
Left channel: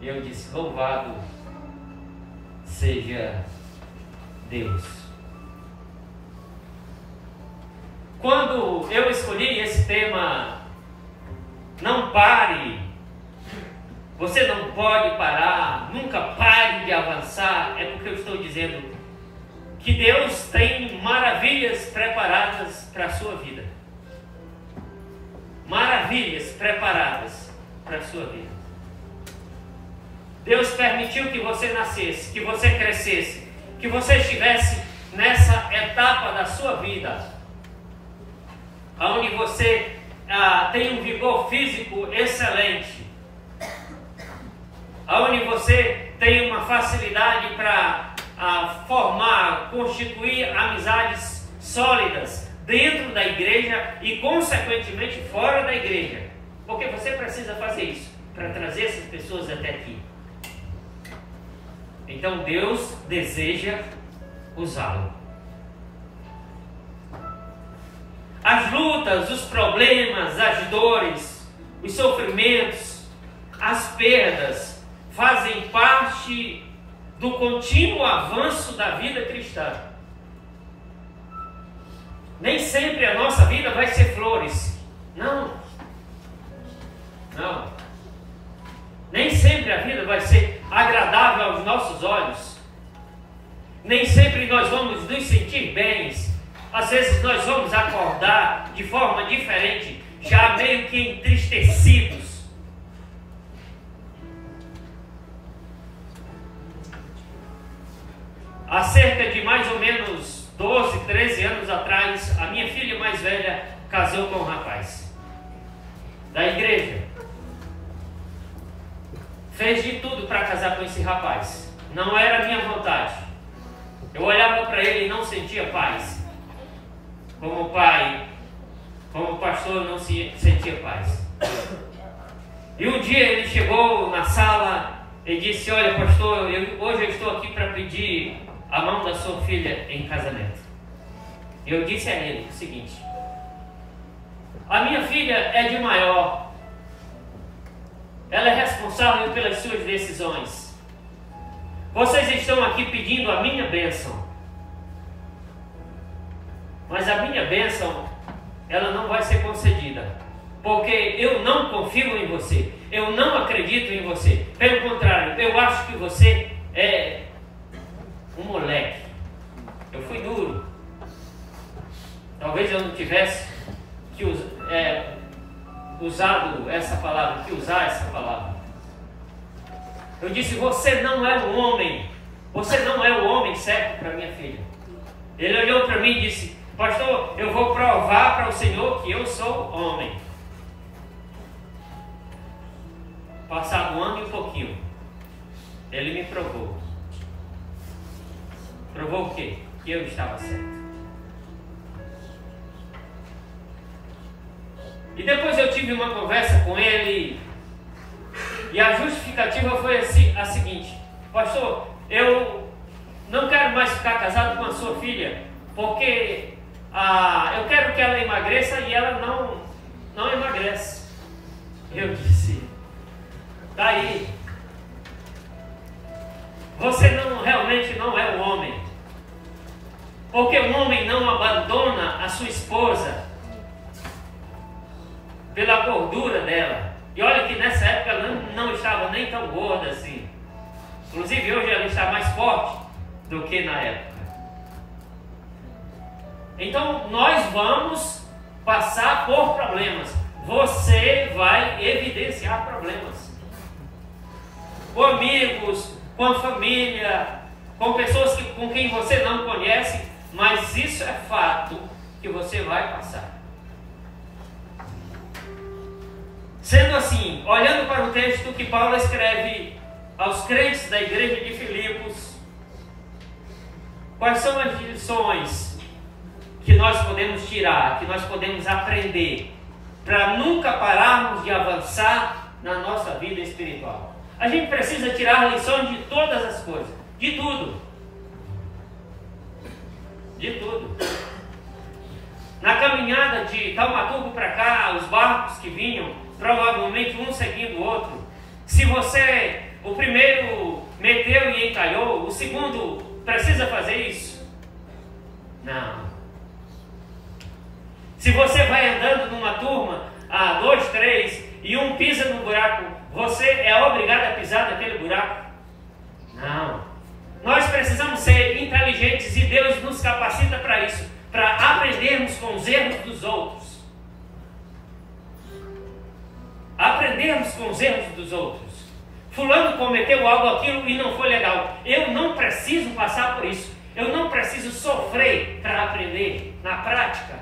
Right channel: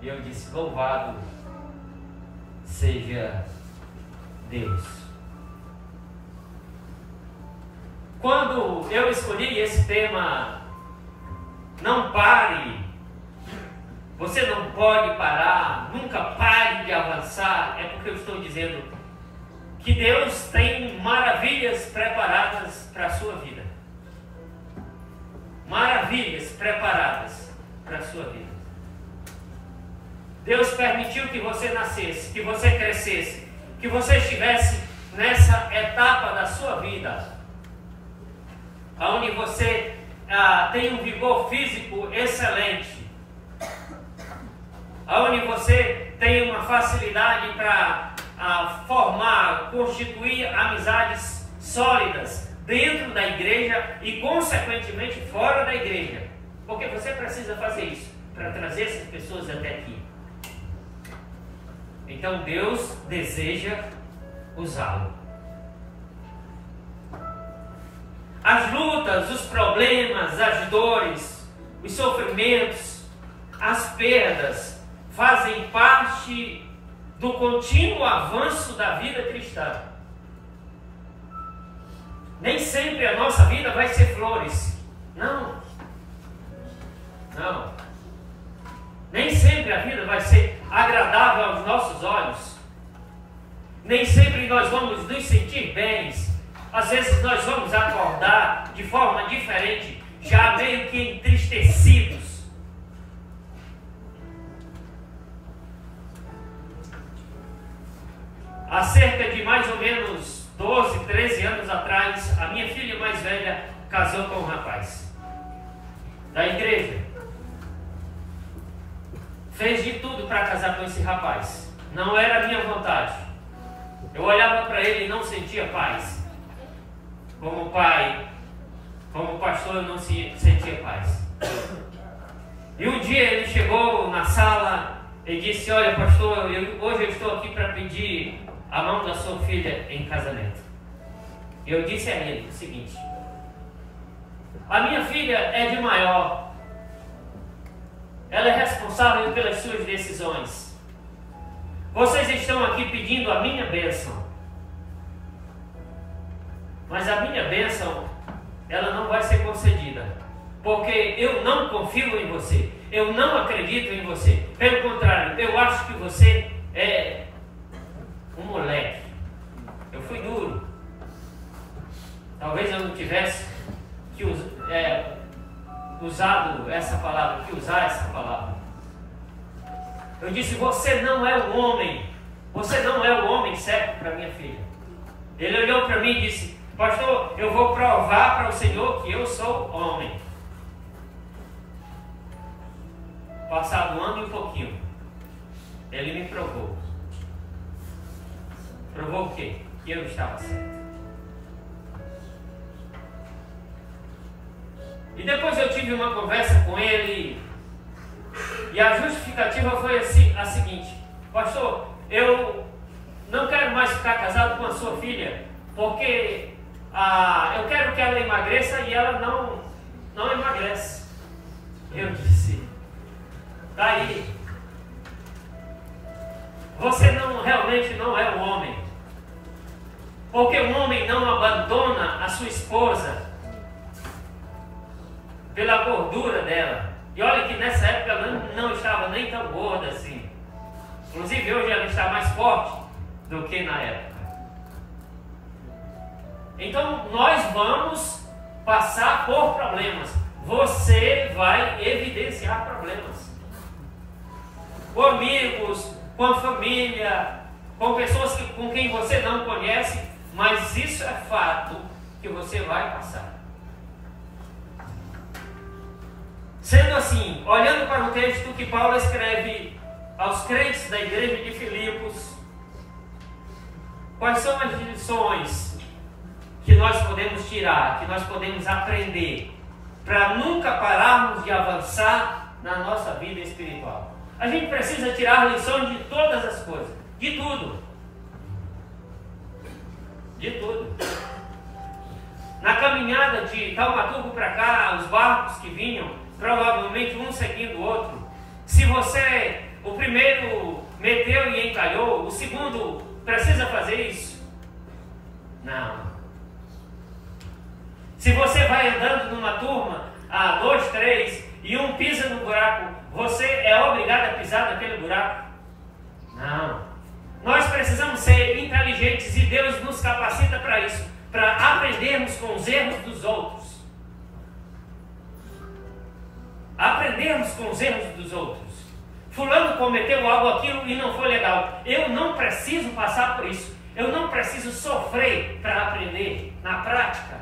E eu disse: louvado seja Deus. Quando eu escolhi esse tema, não pare, você não pode parar, nunca pare de avançar, é porque eu estou dizendo que Deus tem maravilhas preparadas para a sua vida. Maravilhas preparadas para a sua vida. Deus permitiu que você nascesse, que você crescesse, que você estivesse nessa etapa da sua vida, onde você tem um vigor físico excelente, onde você tem uma facilidade para formar, constituir amizades sólidas dentro da igreja e consequentemente fora da igreja, porque você precisa fazer isso para trazer essas pessoas até aqui. Então Deus deseja usá-lo. As lutas, os problemas, as dores, os sofrimentos, as perdas fazem parte do contínuo avanço da vida cristã. Nem sempre a nossa vida vai ser flores. Não. Não. Nem sempre a vida vai ser agradável aos nossos olhos. Nem sempre nós vamos nos sentir bens. Às vezes nós vamos acordar de forma diferente, já meio que entristecidos. Há cerca de mais ou menos 12, 13 anos atrás, a minha filha mais velha casou com um rapaz da igreja. Fez de tudo para casar com esse rapaz. Não era a minha vontade. Eu olhava para ele e não sentia paz. Como pai, como pastor, eu não sentia paz. E um dia ele chegou na sala e disse: olha, pastor, hoje eu estou aqui para pedir a mão da sua filha em casamento. Eu disse a ele o seguinte: a minha filha é de maior. ela é responsável pelas suas decisões. Vocês estão aqui pedindo a minha bênção, mas a minha bênção, ela não vai ser concedida, porque eu não confio em você, eu não acredito em você. Pelo contrário, eu acho que você é um moleque. Eu fui duro. Talvez eu não tivesse que usar essa palavra. Eu disse: você não é o homem. Você não é o homem certo para minha filha. Ele olhou para mim e disse: pastor, eu vou provar para o Senhor que eu sou homem. Passado um ano e um pouquinho, ele me provou. Provou o quê? Que eu estava certo. E depois eu tive uma conversa com ele, e a justificativa foi a seguinte: pastor, eu não quero mais ficar casado com a sua filha, porque eu quero que ela emagreça e ela não emagrece. Eu disse: tá aí, você realmente não é um homem, porque um homem não abandona a sua esposa pela gordura dela. E olha que nessa época ela não estava nem tão gorda assim. Inclusive hoje ela está mais forte do que na época. Então nós vamos passar por problemas. Você vai evidenciar problemas. Com amigos, com a família, com pessoas com quem você não conhece, mas isso é fato que você vai passar. Sendo assim, olhando para o texto que Paulo escreve aos crentes da igreja de Filipos, quais são as lições que nós podemos tirar, que nós podemos aprender, para nunca pararmos de avançar na nossa vida espiritual? A gente precisa tirar lições de todas as coisas, de tudo. De tudo. Na caminhada de Taumaturgo para cá, os barcos que vinham, provavelmente um seguindo o outro. Se o primeiro meteu e encalhou, o segundo precisa fazer isso? Não. Se você vai andando numa turma, 2, 3, e um pisa no buraco, você é obrigado a pisar naquele buraco? Não. Nós precisamos ser inteligentes e Deus nos capacita para isso, para aprendermos com os erros dos outros. Aprendermos com os erros dos outros. Fulano cometeu aquilo e não foi legal. Eu não preciso passar por isso. Eu não preciso sofrer para aprender na prática.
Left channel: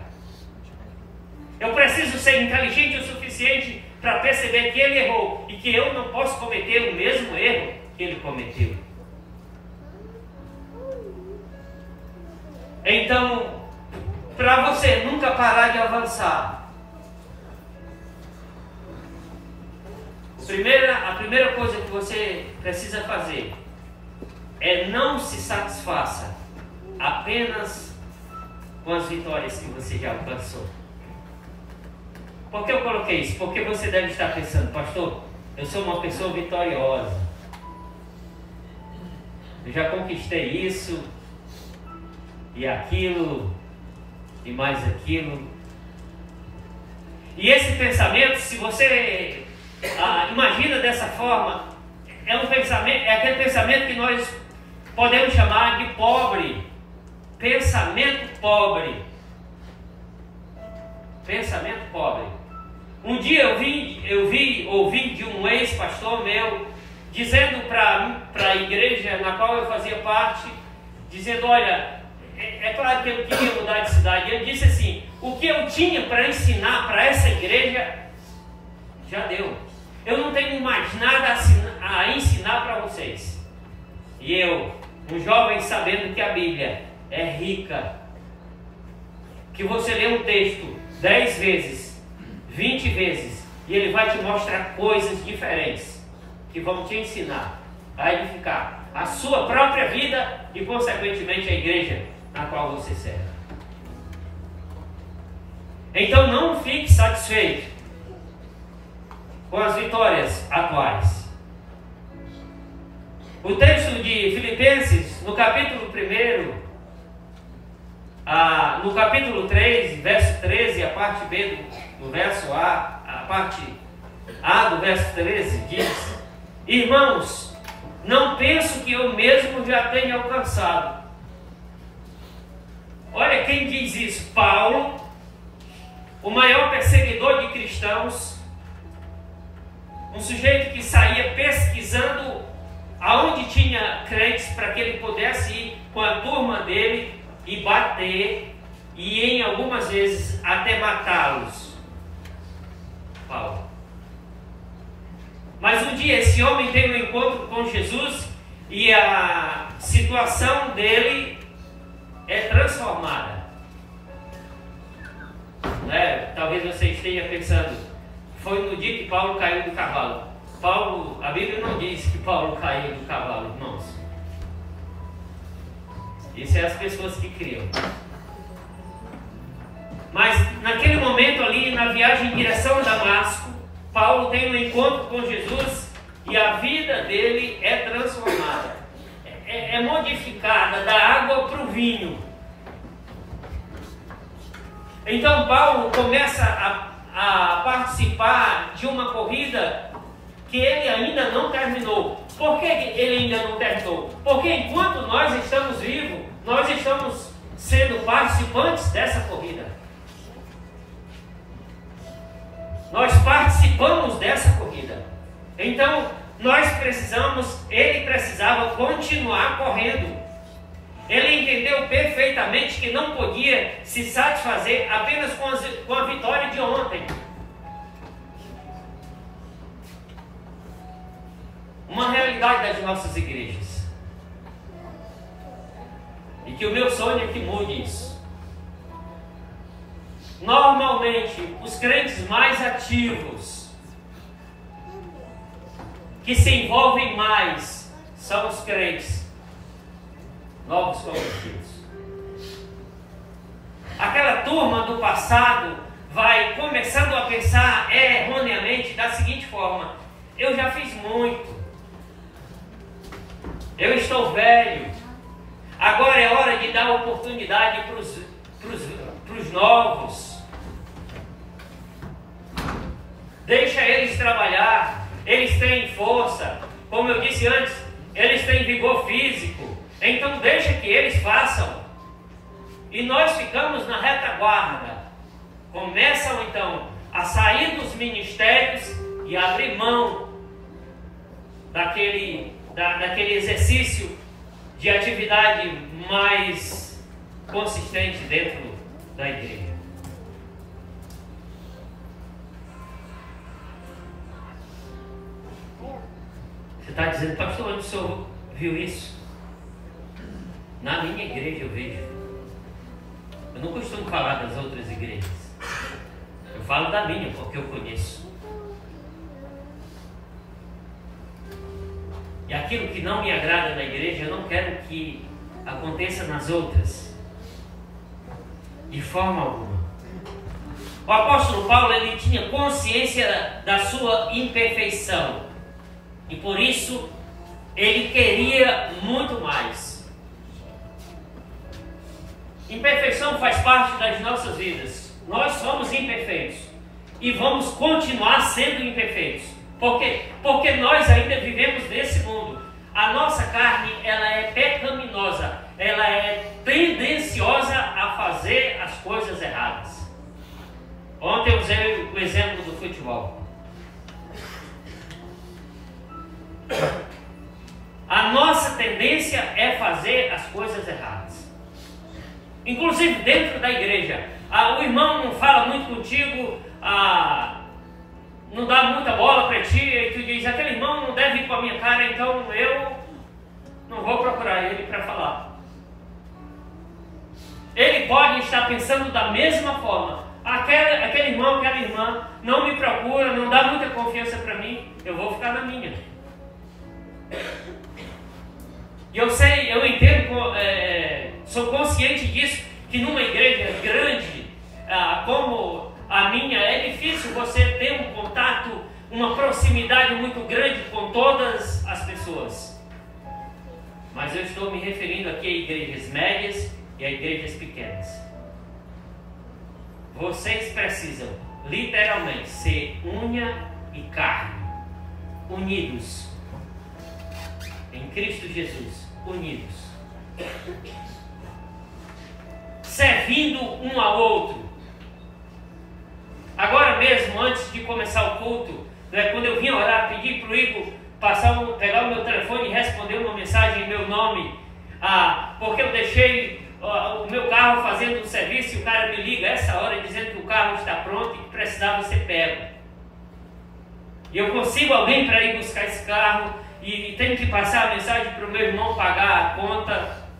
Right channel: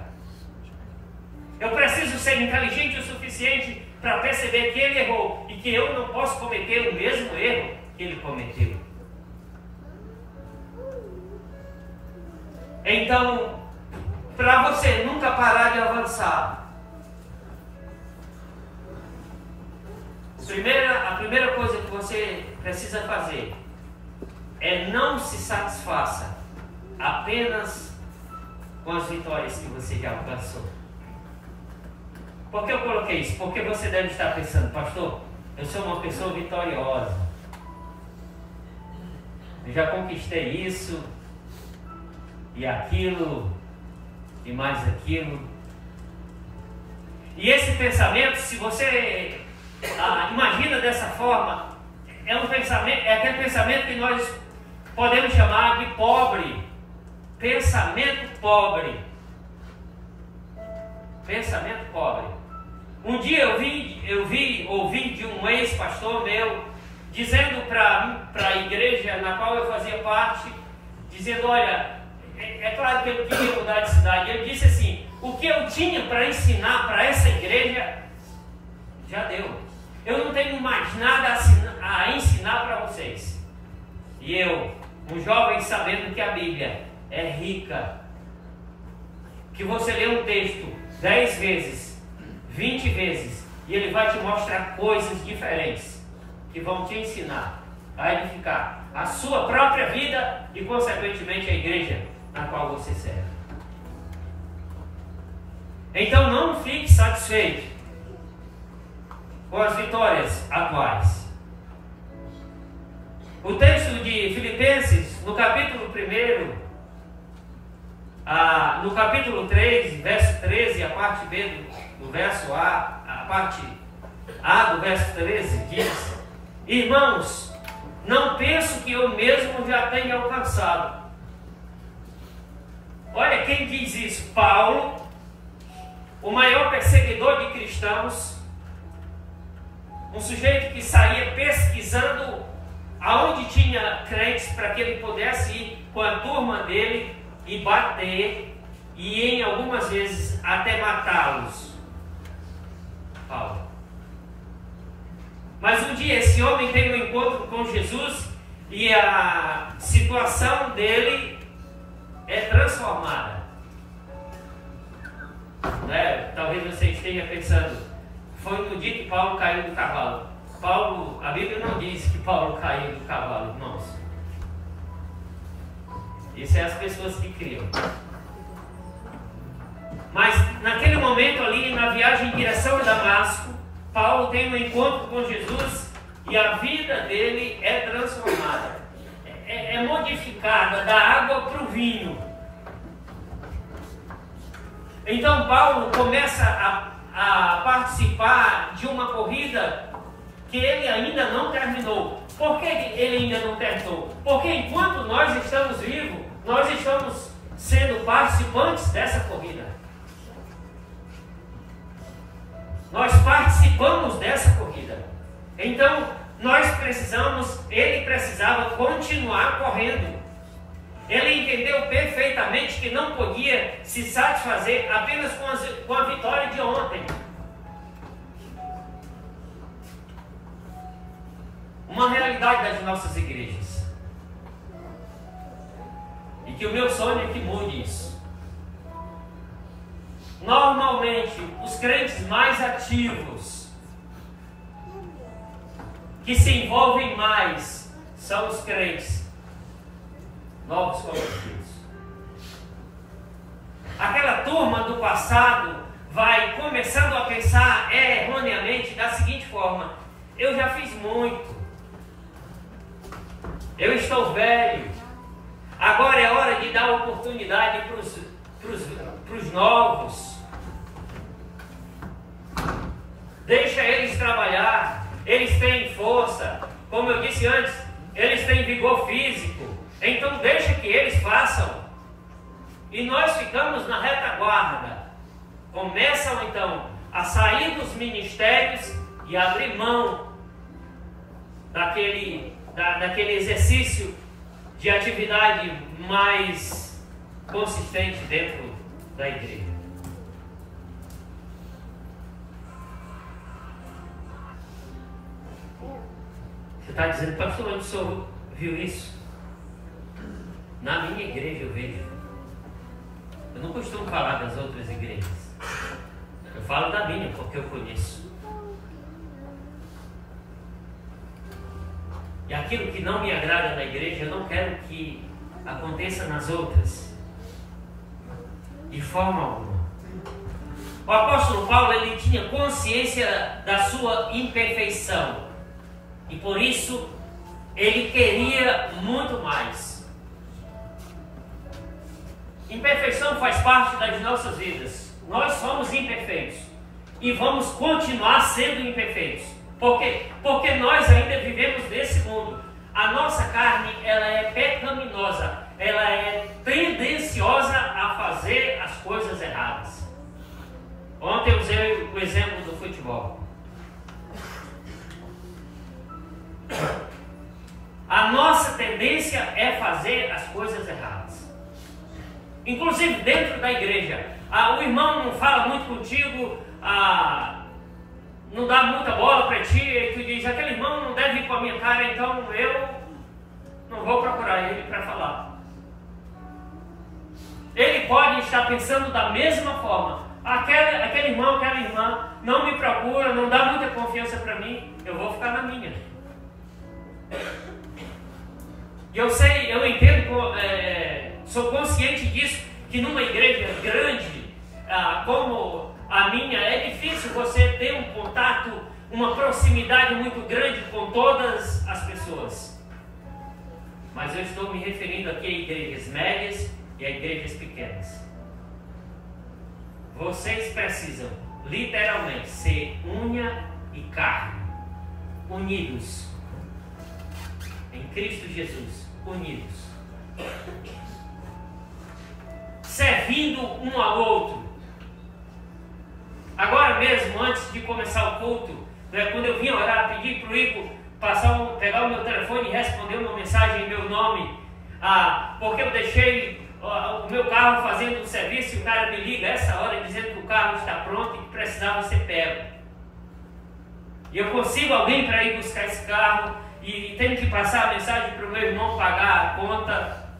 Eu preciso ser inteligente o suficiente para perceber que ele errou e que eu não posso cometer o mesmo erro que ele cometeu. Então, para você nunca parar de avançar, a primeira coisa que você precisa fazer é não se satisfaça apenas com as vitórias que você já alcançou. Por que eu coloquei isso? Porque você deve estar pensando: pastor, eu sou uma pessoa vitoriosa, eu já conquistei isso e aquilo e mais aquilo. E esse pensamento, se você imagina dessa forma, é aquele pensamento que nós podemos chamar de pobre. Pensamento pobre. Pensamento pobre. Um dia ouvi de um ex-pastor meu dizendo para a igreja na qual eu fazia parte, dizendo: olha, é claro que eu queria mudar de cidade. Ele disse assim: o que eu tinha para ensinar para essa igreja já deu. Eu não tenho mais nada a ensinar para vocês. E eu, um jovem, sabendo que a Bíblia é rica, que você lê um texto 10 vezes, 20 vezes, e ele vai te mostrar coisas diferentes que vão te ensinar a edificar a sua própria vida e, consequentemente, a igreja na qual você serve. Então não fique satisfeito com as vitórias atuais. O texto de Filipenses, no capítulo 1, no capítulo 3, verso 13, a parte B do verso A, a parte A do verso 13, diz: irmãos, não penso que eu mesmo já tenha alcançado. Olha quem diz isso: Paulo, o maior perseguidor de cristãos, um sujeito que saía pesquisando aonde tinha crentes para que ele pudesse ir com a turma dele e bater, e em algumas vezes até matá-los. Paulo. Mas um dia esse homem tem um encontro com Jesus e a situação dele é transformada. Talvez você esteja pensando, foi no dia que Paulo caiu do cavalo. A Bíblia não diz que Paulo caiu do cavalo, irmãos. Isso é as pessoas que criam. Mas naquele momento ali, na viagem em direção a Damasco, Paulo tem um encontro com Jesus e a vida dele é transformada. É modificada da água para o vinho. Então Paulo começa a participar de uma corrida que ele ainda não terminou. Por que ele ainda não terminou? Porque enquanto nós estamos vivos, nós estamos sendo participantes dessa corrida. Nós participamos dessa corrida. Então, ele precisava continuar correndo. Ele entendeu perfeitamente que não podia se satisfazer apenas com a vitória de ontem. Uma realidade das nossas igrejas. E que o meu sonho é que mude isso. Normalmente, os crentes mais ativos, que se envolvem mais, são os crentes novos convertidos. Aquela turma do passado vai começando a pensar erroneamente da seguinte forma: eu já fiz muito, eu estou velho, agora é hora de dar oportunidade para os novos. Deixa eles trabalhar, eles têm força, como eu disse antes, eles têm vigor físico, então deixa que eles façam. E nós ficamos na retaguarda. Começam então a sair dos ministérios e abrir mão daquele exercício de atividade mais consistente dentro da igreja. Você está dizendo, pastor, onde o senhor viu isso? Na minha igreja eu vejo. Eu não costumo falar das outras igrejas. Eu falo da minha, porque eu conheço. E aquilo que não me agrada na igreja, eu não quero que aconteça nas outras. De forma alguma. O apóstolo Paulo, ele tinha consciência da sua imperfeição. E por isso, ele queria muito mais. Imperfeição faz parte das nossas vidas. Nós somos imperfeitos. E vamos continuar sendo imperfeitos. Por quê? Porque nós ainda vivemos nesse mundo. A nossa carne, ela é pecaminosa. Ela é tendenciosa a fazer as coisas erradas. Ontem eu usei o exemplo do futebol. A nossa tendência é fazer as coisas erradas. Inclusive dentro da igreja. O irmão não fala muito contigo, não dá muita bola para ti, e tu diz, aquele irmão não deve ir com a minha cara, então eu não vou procurar ele para falar. Ele pode estar pensando da mesma forma. Aquele irmão, aquela irmã não me procura, não dá muita confiança para mim, eu vou ficar na minha. E eu sei, eu entendo, sou consciente disso, que numa igreja grande como a minha, é difícil você ter um contato uma proximidade muito grande com todas as pessoas. Mas eu estou me referindo aqui a igrejas médias e a igrejas pequenas. Vocês precisam, literalmente, ser unha e carne, unidos em Cristo Jesus, unidos, servindo um ao outro. Agora mesmo, antes de começar o culto, quando eu vim orar, pedi para o Igor pegar o meu telefone e responder uma mensagem em meu nome, porque eu deixei o meu carro fazendo um serviço e o cara me liga essa hora dizendo que o carro está pronto e que precisava ser pego. E eu consigo alguém para ir buscar esse carro e tenho que passar a mensagem para o meu irmão pagar a conta.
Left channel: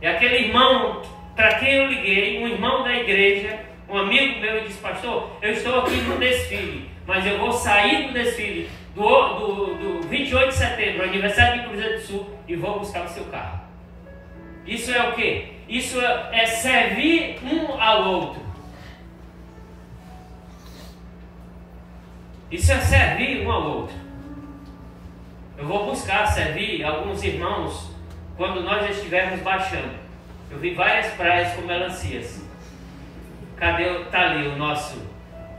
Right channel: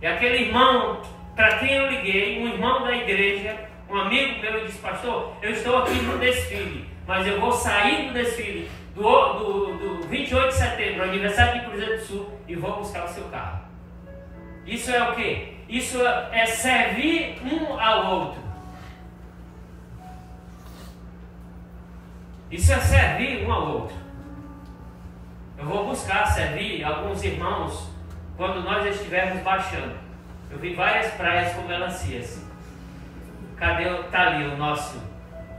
E aquele irmão para quem eu liguei, um irmão da igreja, um amigo meu, disse: pastor, eu estou aqui no desfile, mas eu vou sair do desfile do 28 de setembro, aniversário de Cruzeiro do Sul, e vou buscar o seu carro. Isso é o quê? Isso é servir um ao outro. Isso é servir um ao outro. Eu vou buscar servir alguns irmãos quando nós estivermos baixando. Eu vi várias praias com melancias. Está ali o nosso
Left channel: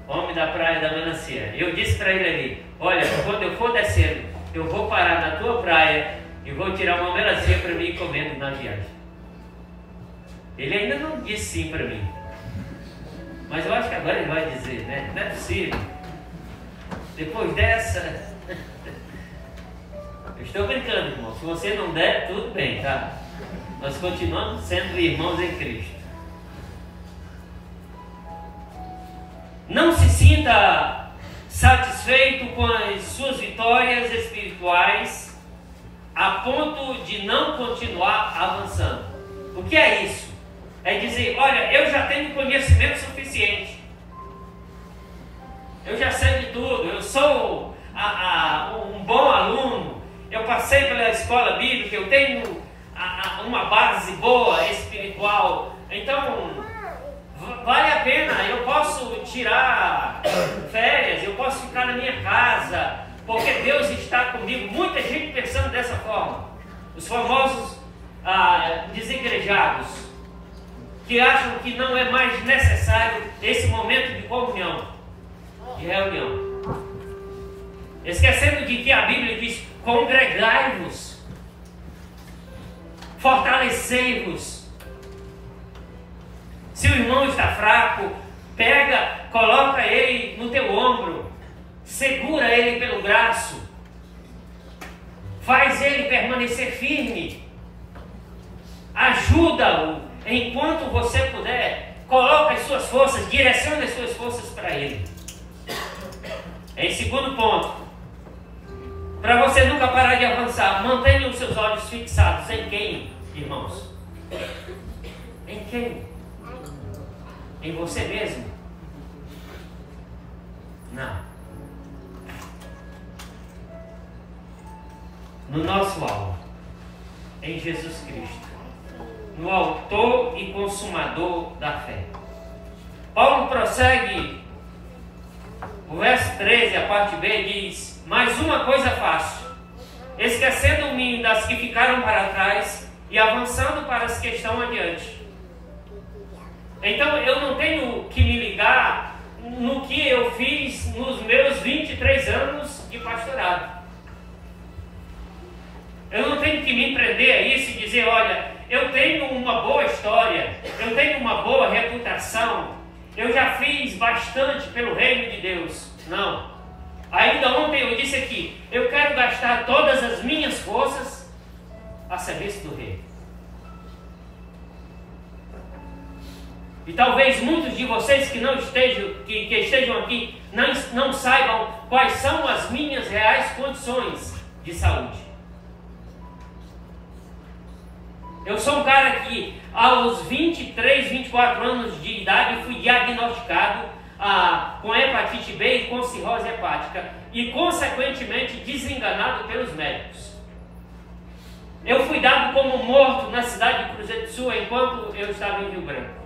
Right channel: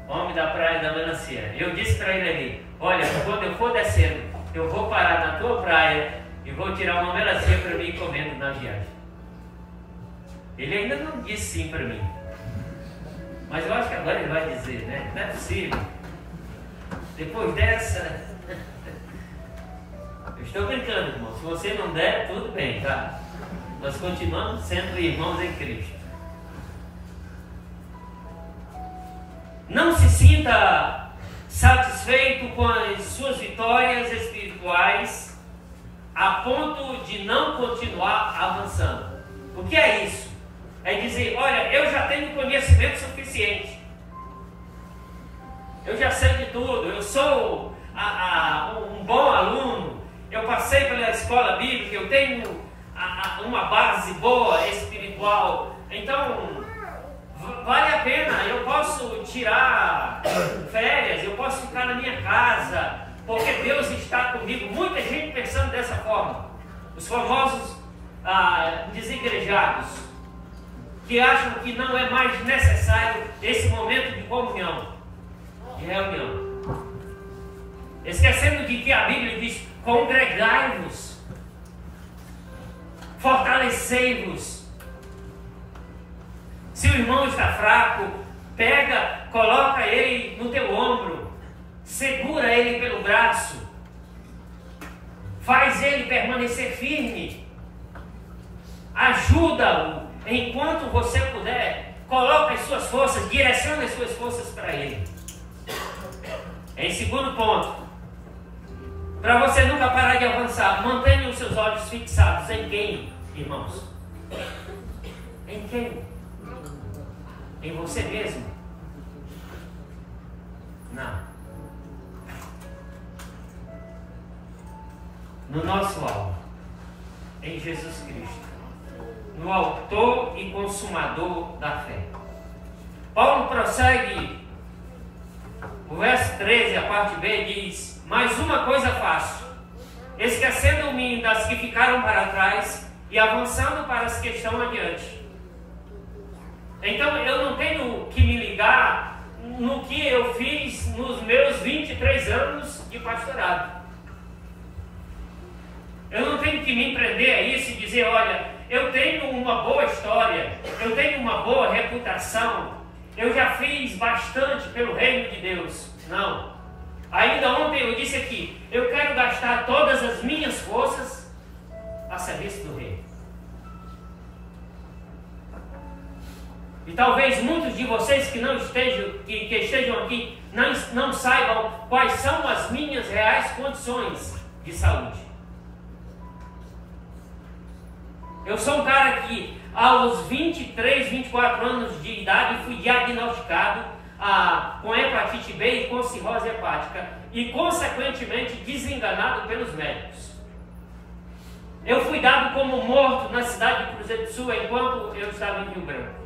homem da praia da melancia. Eu disse para ele ali: olha, quando eu for descendo, eu vou parar na tua praia e vou tirar uma melancia para mim ir comendo na viagem. Ele ainda não disse sim para mim, mas eu acho que agora ele vai dizer, né? Não é possível. Depois dessa, eu estou brincando, irmão. Se você não der, tudo bem, tá? Nós continuamos sendo irmãos em Cristo. Não se sinta satisfeito com as suas vitórias espirituais a ponto de não continuar avançando. O que é isso? É dizer: olha, eu já tenho conhecimento suficiente, eu já sei de tudo, eu sou um bom aluno, eu passei pela escola bíblica, eu tenho uma base boa espiritual, então vale a pena, eu posso tirar férias, eu posso ficar na minha casa, porque Deus está comigo. Muita gente pensando dessa forma, os famosos desigrejados, que acham que não é mais necessário esse momento de comunhão, de reunião, esquecendo de que a Bíblia diz: congregai-vos, fortalecei-vos. Se o irmão está fraco, pega, coloca ele no teu ombro, segura ele pelo braço, faz ele permanecer firme, ajuda-o enquanto você puder, coloca as suas forças, direciona as suas forças para ele. Em segundo ponto, para você nunca parar de avançar, mantenha os seus olhos fixados em quem, irmãos? Em quem? Em você mesmo? Não. No nosso alvo, em Jesus Cristo, no autor e consumador da fé. Paulo prossegue, o verso 13, a parte B, diz: mais uma coisa faço, esquecendo-me das que ficaram para trás e avançando para as que estão adiante. Então eu não tenho que me ligar no que eu fiz nos meus 23 anos de pastorado. Eu não tenho que me prender a isso e dizer: olha, eu tenho uma boa história, eu tenho uma boa reputação, eu já fiz bastante pelo reino de Deus. Não. Ainda ontem eu disse aqui: eu quero gastar todas as minhas forças a serviço do rei. E talvez muitos de vocês que não estejam, que estejam aqui não saibam quais são as minhas reais condições de saúde. Eu sou um cara que aos 23, 24 anos de idade fui diagnosticado com hepatite B e com cirrose hepática e consequentemente desenganado pelos médicos. Eu fui dado como morto na cidade de Cruzeiro do Sul enquanto eu estava em Rio Branco.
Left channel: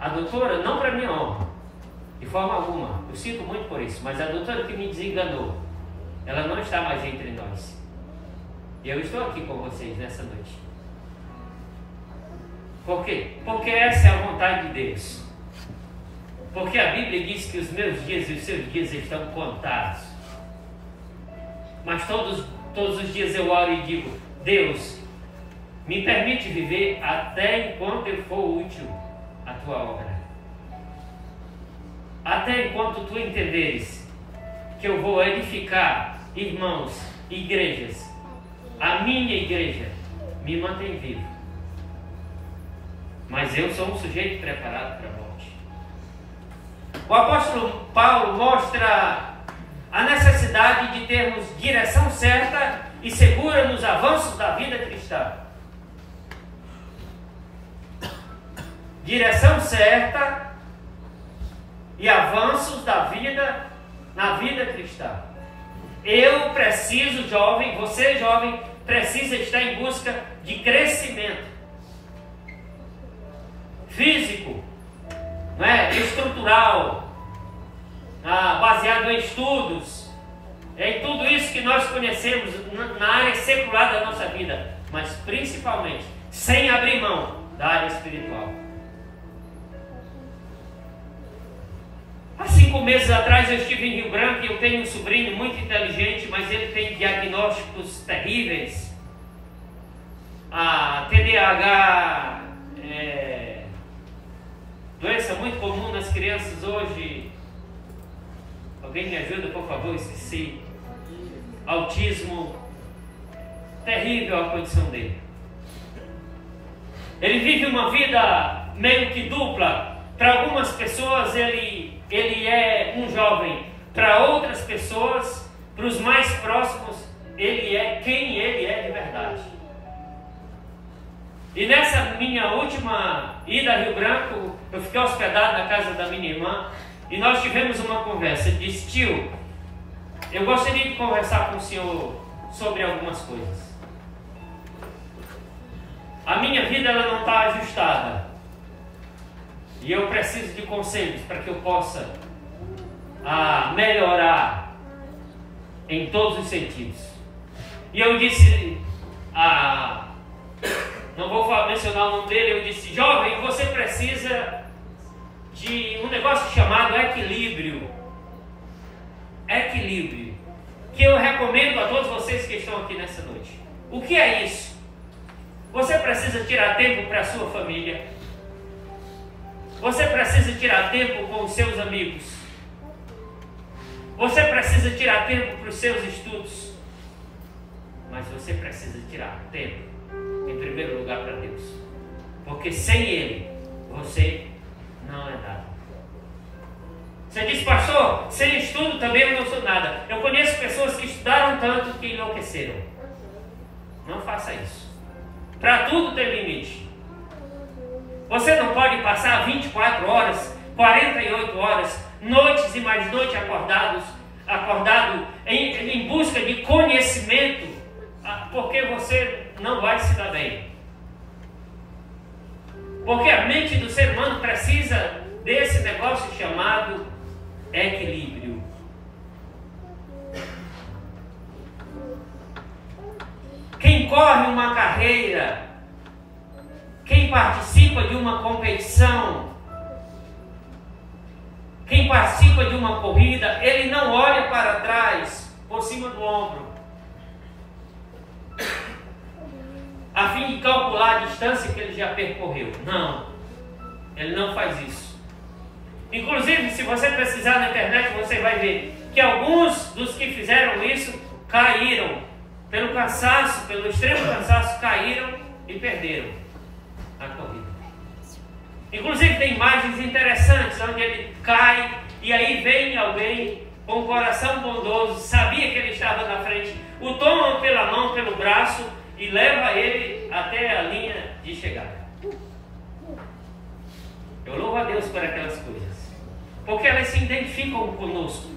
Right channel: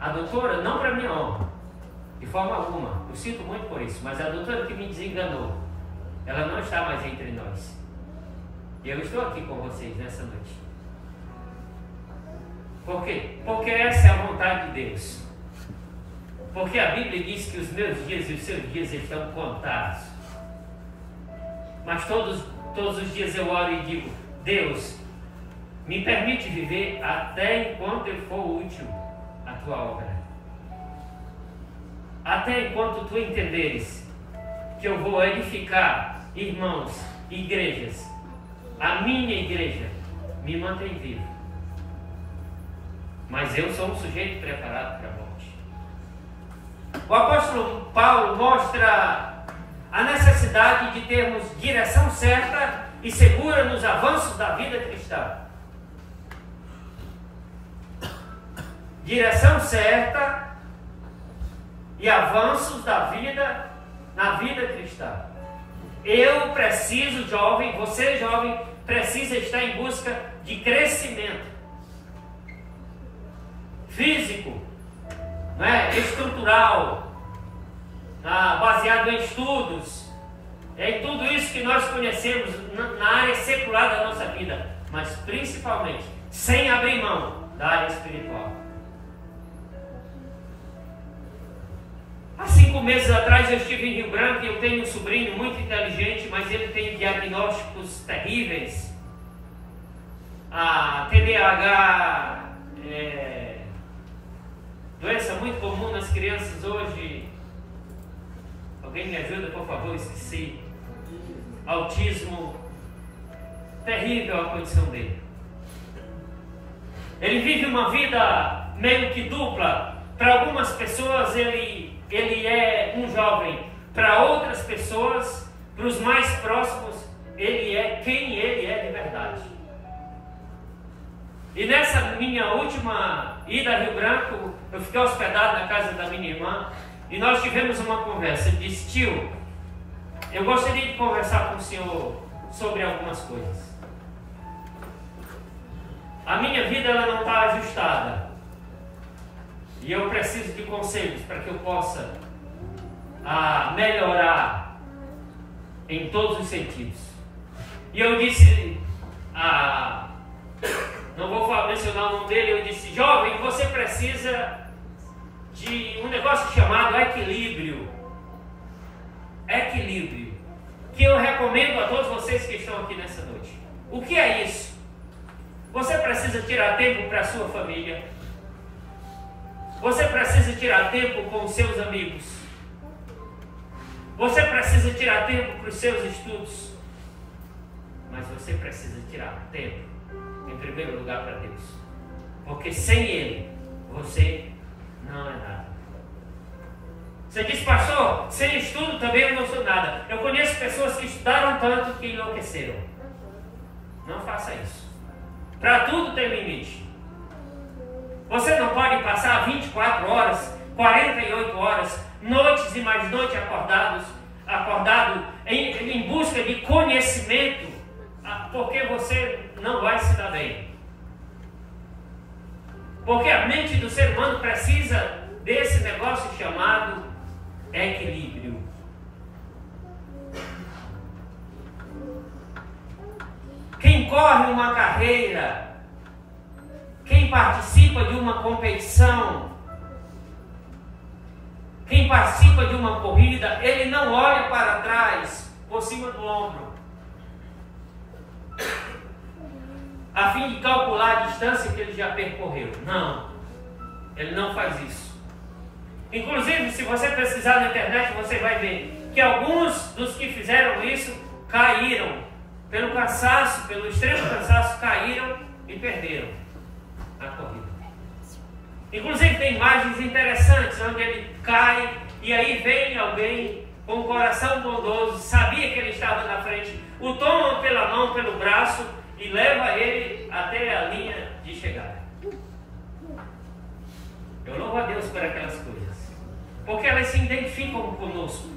A doutora, não para minha honra, De forma alguma. Eu sinto muito por isso. Mas a doutora que me desenganou, ela não está mais entre nós. E eu estou aqui com vocês nessa noite. Por quê? Porque essa é a vontade de Deus. Porque a Bíblia diz que os meus dias e os seus dias estão contados. Mas todos os dias eu oro e digo: Deus, me permite viver até enquanto eu for útil à tua obra. Até enquanto tu entenderes que eu vou edificar irmãos, igrejas, a minha igreja, me mantém vivo. Mas eu sou um sujeito preparado para a morte. O apóstolo Paulo mostra a necessidade de termos direção certa e segura nos avanços da vida cristã. Direção certa e avanços da vida na vida cristã. Eu preciso, jovem, você jovem, precisa estar em busca de crescimento físico, estrutural, baseado em estudos, em tudo isso que nós conhecemos na área secular da nossa vida, mas principalmente sem abrir mão da área espiritual. Há 5 meses atrás eu estive em Rio Branco e eu tenho um sobrinho muito inteligente, mas ele tem diagnósticos terríveis. A TDAH, doença muito comum nas crianças hoje. Alguém me ajuda, por favor, esqueci. Autismo. Terrível a condição dele. Ele vive uma vida meio que dupla. Para algumas pessoas ele é um jovem. Para outras pessoas, para os mais próximos, ele é quem ele é de verdade. E nessa minha última ida a Rio Branco, eu fiquei hospedado na casa da minha irmã e nós tivemos uma conversa. Ele disse: tio, eu gostaria de conversar com o senhor sobre algumas coisas. A minha vida ela não está ajustada e eu preciso de conselhos para que eu possa melhorar em todos os sentidos. E eu disse, não vou mencionar o nome dele, eu disse: jovem, você precisa de um negócio chamado equilíbrio. Equilíbrio. Que eu recomendo a todos vocês que estão aqui nessa noite. O que é isso? Você precisa tirar tempo para a sua família. Você precisa tirar tempo com os seus amigos. Você precisa tirar tempo para os seus estudos. Mas você precisa tirar tempo, em primeiro lugar, para Deus. Porque sem Ele, você não é nada. Você diz: pastor, sem estudo também eu não sou nada. Eu conheço pessoas que estudaram tanto que enlouqueceram. Não faça isso. Para tudo tem limite. Você não pode passar 24 horas, 48 horas, noites e mais noites acordado em busca de conhecimento, porque você não vai se dar bem. Porque a mente do ser humano precisa desse negócio chamado equilíbrio. Quem corre uma carreira, quem participa de uma competição, quem participa de uma corrida, ele não olha para trás, por cima do ombro, a fim de calcular a distância que ele já percorreu. Não, ele não faz isso. Inclusive, se você precisar na internet, você vai ver que alguns dos que fizeram isso caíram pelo cansaço, pelo extremo cansaço, caíram e perderam a corrida. Inclusive tem imagens interessantes onde ele cai e aí vem alguém com um coração bondoso, sabia que ele estava na frente, o toma pela mão, pelo braço e leva ele até a linha de chegada. Eu louvo a Deus por aquelas coisas, porque elas se identificam conosco.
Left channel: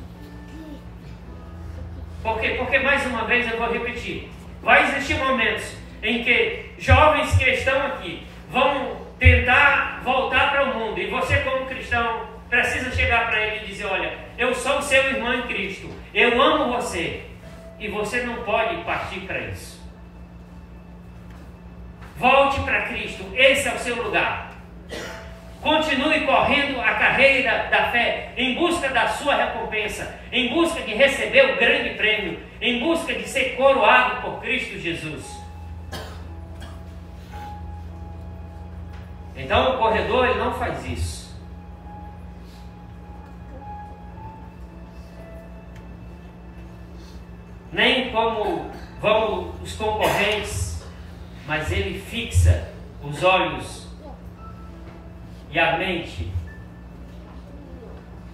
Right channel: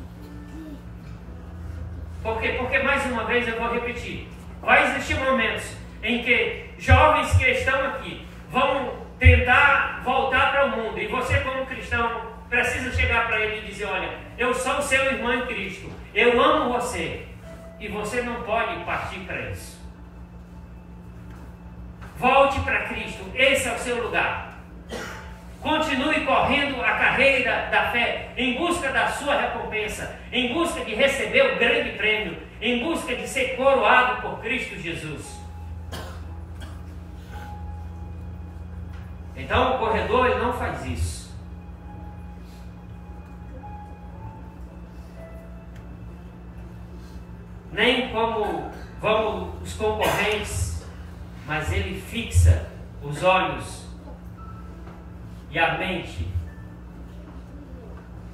Por quê? Porque, mais uma vez, eu vou repetir, vai existir momentos em que jovens que estão aqui vão tentar voltar para o mundo, e você como cristão precisa chegar para ele e dizer: olha, eu sou o seu irmão em Cristo, eu amo você, e você não pode partir para isso. Volte para Cristo, esse é o seu lugar. Continue correndo a carreira da fé, em busca da sua recompensa, em busca de receber o grande prêmio, em busca de ser coroado por Cristo Jesus. Então o corredor, ele não faz isso. Nem como vão os concorrentes, mas ele fixa os olhos e a mente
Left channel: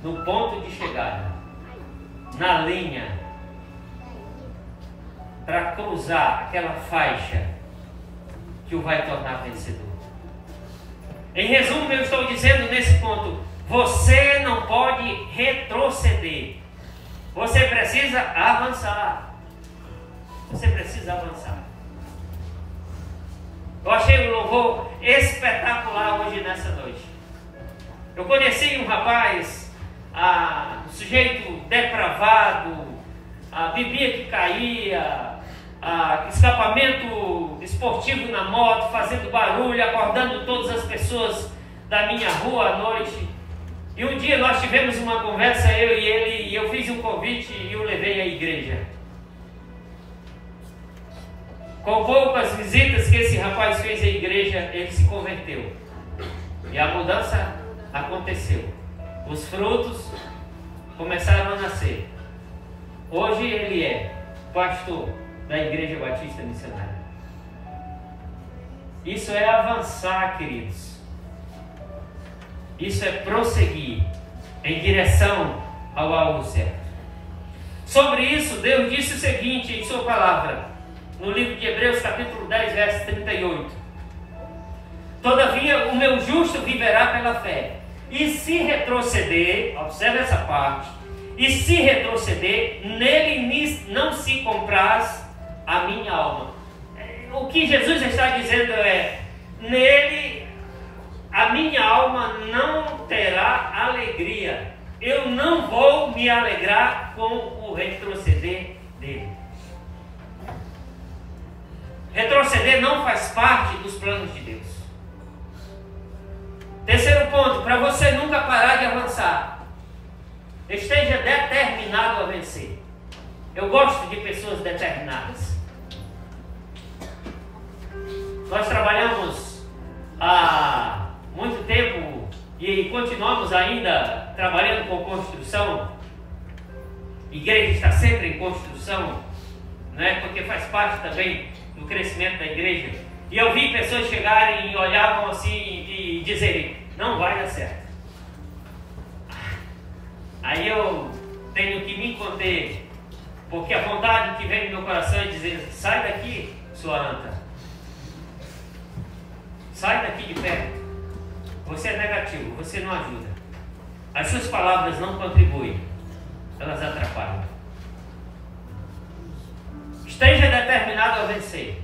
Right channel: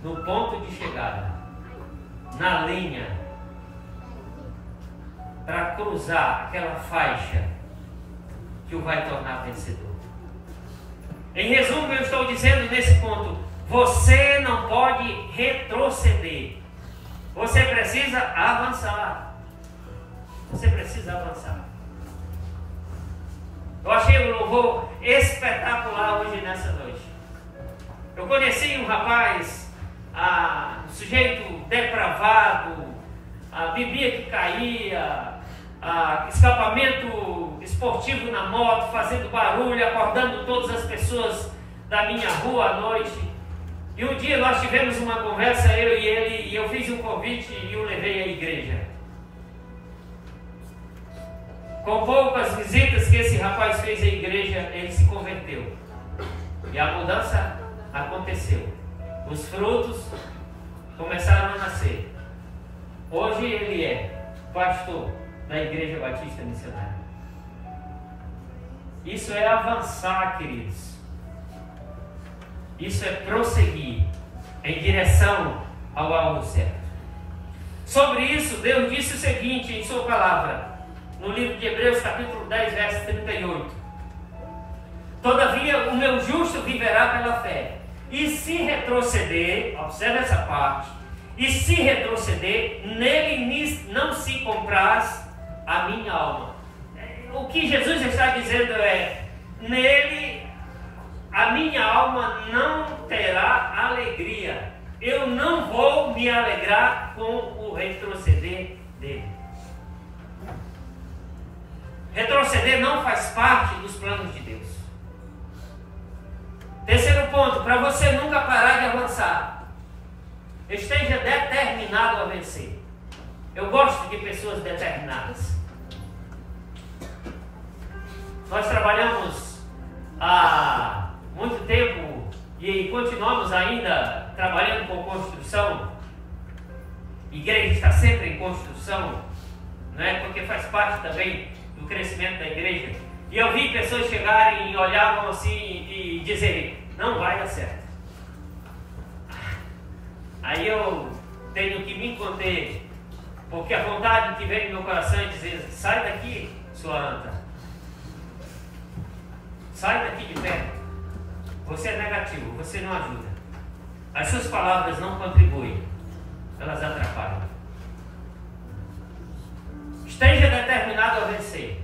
no ponto de chegada, na linha, para cruzar aquela faixa que o vai tornar vencedor. Em resumo, eu estou dizendo nesse ponto: você não pode retroceder, você precisa avançar. Você precisa avançar. Eu achei o louvor espetacular hoje nessa noite. Eu conheci um rapaz, um sujeito depravado, bebia que caía, escapamento esportivo na moto, fazendo barulho, acordando todas as pessoas da minha rua à noite. E um dia nós tivemos uma conversa, eu e ele, e eu fiz um convite e o levei à igreja. Com poucas visitas que esse rapaz fez à igreja, ele se converteu. E a mudança aconteceu. Os frutos começaram a nascer. Hoje ele é pastor da Igreja Batista Missionária. Isso é avançar, queridos. Isso é prosseguir em direção ao alvo certo. Sobre isso, Deus disse o seguinte em sua palavra, no livro de Hebreus, capítulo 10, verso 38. Todavia, o meu justo viverá pela fé. E se retroceder, observe essa parte, e se retroceder, nele não se compraz a minha alma. O que Jesus está dizendo é: nele a minha alma não terá alegria. Eu não vou me alegrar com o retroceder dele. Retroceder não faz parte dos planos de Deus. Terceiro ponto, para você nunca parar de avançar, esteja determinado a vencer. Eu gosto de pessoas determinadas. Nós trabalhamos há muito tempo e continuamos ainda trabalhando com construção. A igreja está sempre em construção, né? Porque faz parte também do crescimento da igreja. E eu vi pessoas chegarem e olhavam assim e dizerem: não vai dar certo. Aí eu tenho que me conter, porque a vontade que vem no meu coração é dizer: sai daqui, sua anta. Sai daqui de perto. Você é negativo, você não ajuda. As suas palavras não contribuem, elas atrapalham. Esteja determinado a vencer.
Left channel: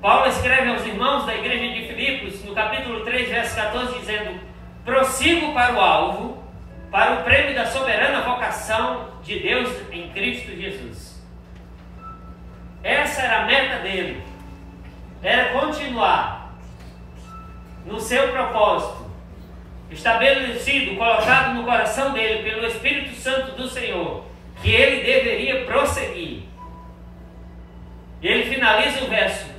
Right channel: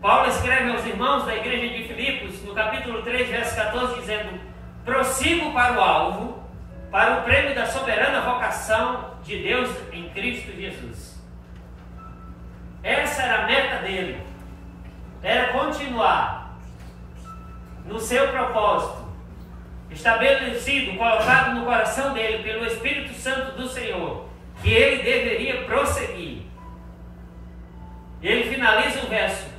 Paulo escreve aos irmãos da igreja de Filipos, no capítulo 3, verso 14, dizendo: prossigo para o alvo, para o prêmio da soberana vocação de Deus em Cristo Jesus. Essa era a meta dele. Era continuar no seu propósito, estabelecido, colocado no coração dele pelo Espírito Santo do Senhor, que ele deveria prosseguir. E ele finaliza o verso:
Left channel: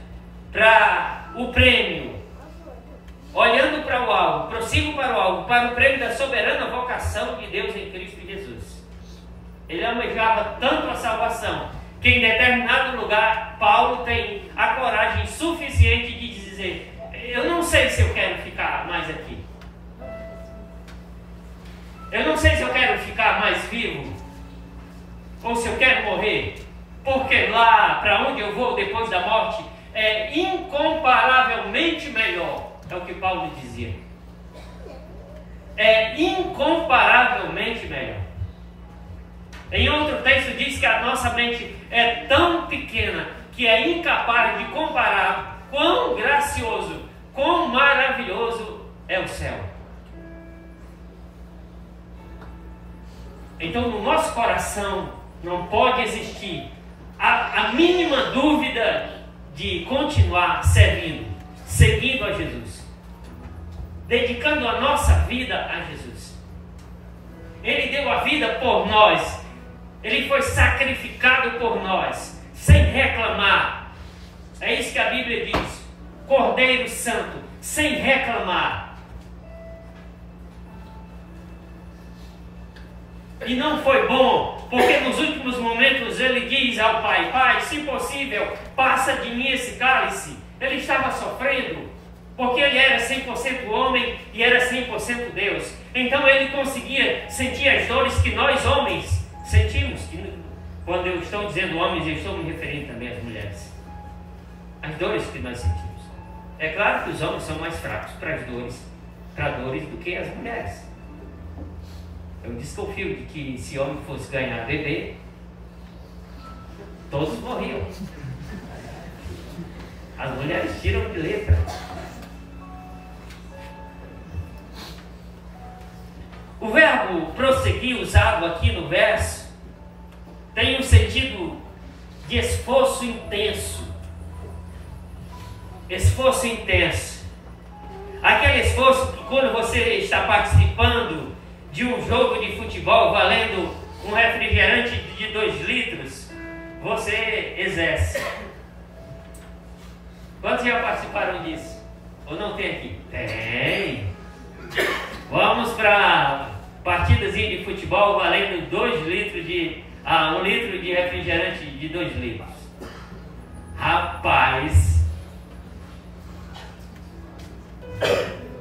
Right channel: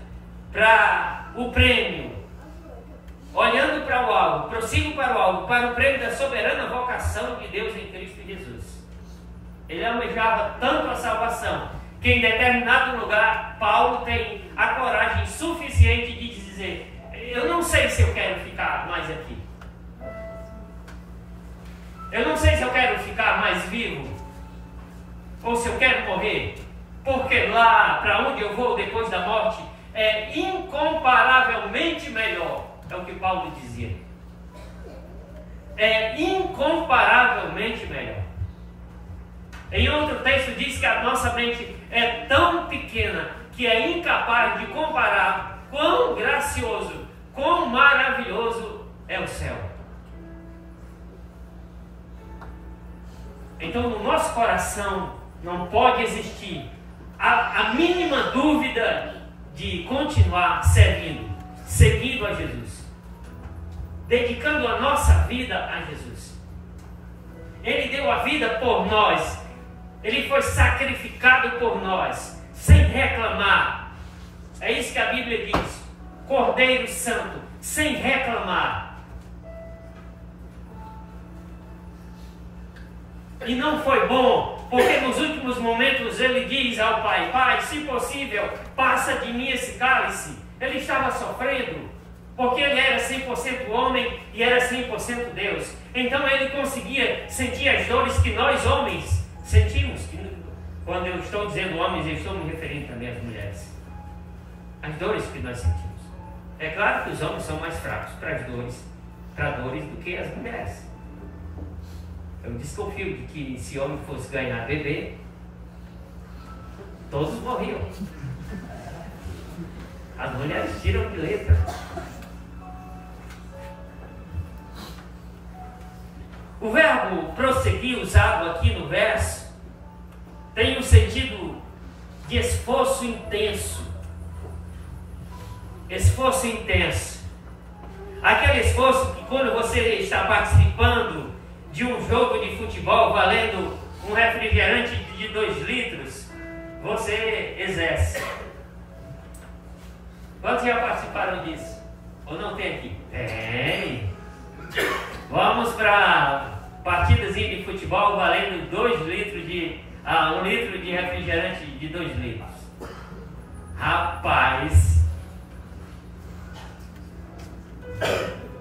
para o prêmio, olhando para o alvo, prossigo para o alvo, para o prêmio da soberana vocação de Deus em Cristo Jesus. Ele almejava tanto a salvação, que em determinado lugar, Paulo tem a coragem suficiente de dizer: eu não sei se eu quero ficar mais aqui. Eu não sei se eu quero ficar mais vivo, ou se eu quero morrer, porque lá para onde eu vou depois da morte é incomparavelmente melhor. É o que Paulo dizia. É incomparavelmente melhor. Em outro texto diz que a nossa mente é tão pequena que é incapaz de comparar quão gracioso, quão maravilhoso é o céu. Então, no nosso coração não pode existir a mínima dúvida de continuar seguindo a Jesus, dedicando a nossa vida a Jesus. Ele deu a vida por nós, Ele foi sacrificado por nós, sem reclamar. É isso que a Bíblia diz: Cordeiro Santo, sem reclamar. E não foi bom, porque nos últimos momentos ele diz ao Pai: Pai, se possível, passa de mim esse cálice. Ele estava sofrendo, porque ele era 100% homem e era 100% Deus. Então ele conseguia sentir as dores que nós homens sentimos. Quando eu estou dizendo homens, eu estou me referindo também às mulheres. As dores que nós sentimos. É claro que os homens são mais fracos para dores do que as mulheres. Eu desconfio de que se homem fosse ganhar bebê, todos morriam. As mulheres tiram de letra. O verbo prosseguir, usado aqui no verso, tem um sentido de esforço intenso. Esforço intenso. Aquele esforço que quando você está participando de um jogo de futebol valendo um refrigerante de 2 litros, você exerce. Quantos já participaram disso? Ou não tem aqui? Tem! Vamos para partidas de futebol valendo 2 litros de... 1 litro de refrigerante de 2 litros. Rapaz!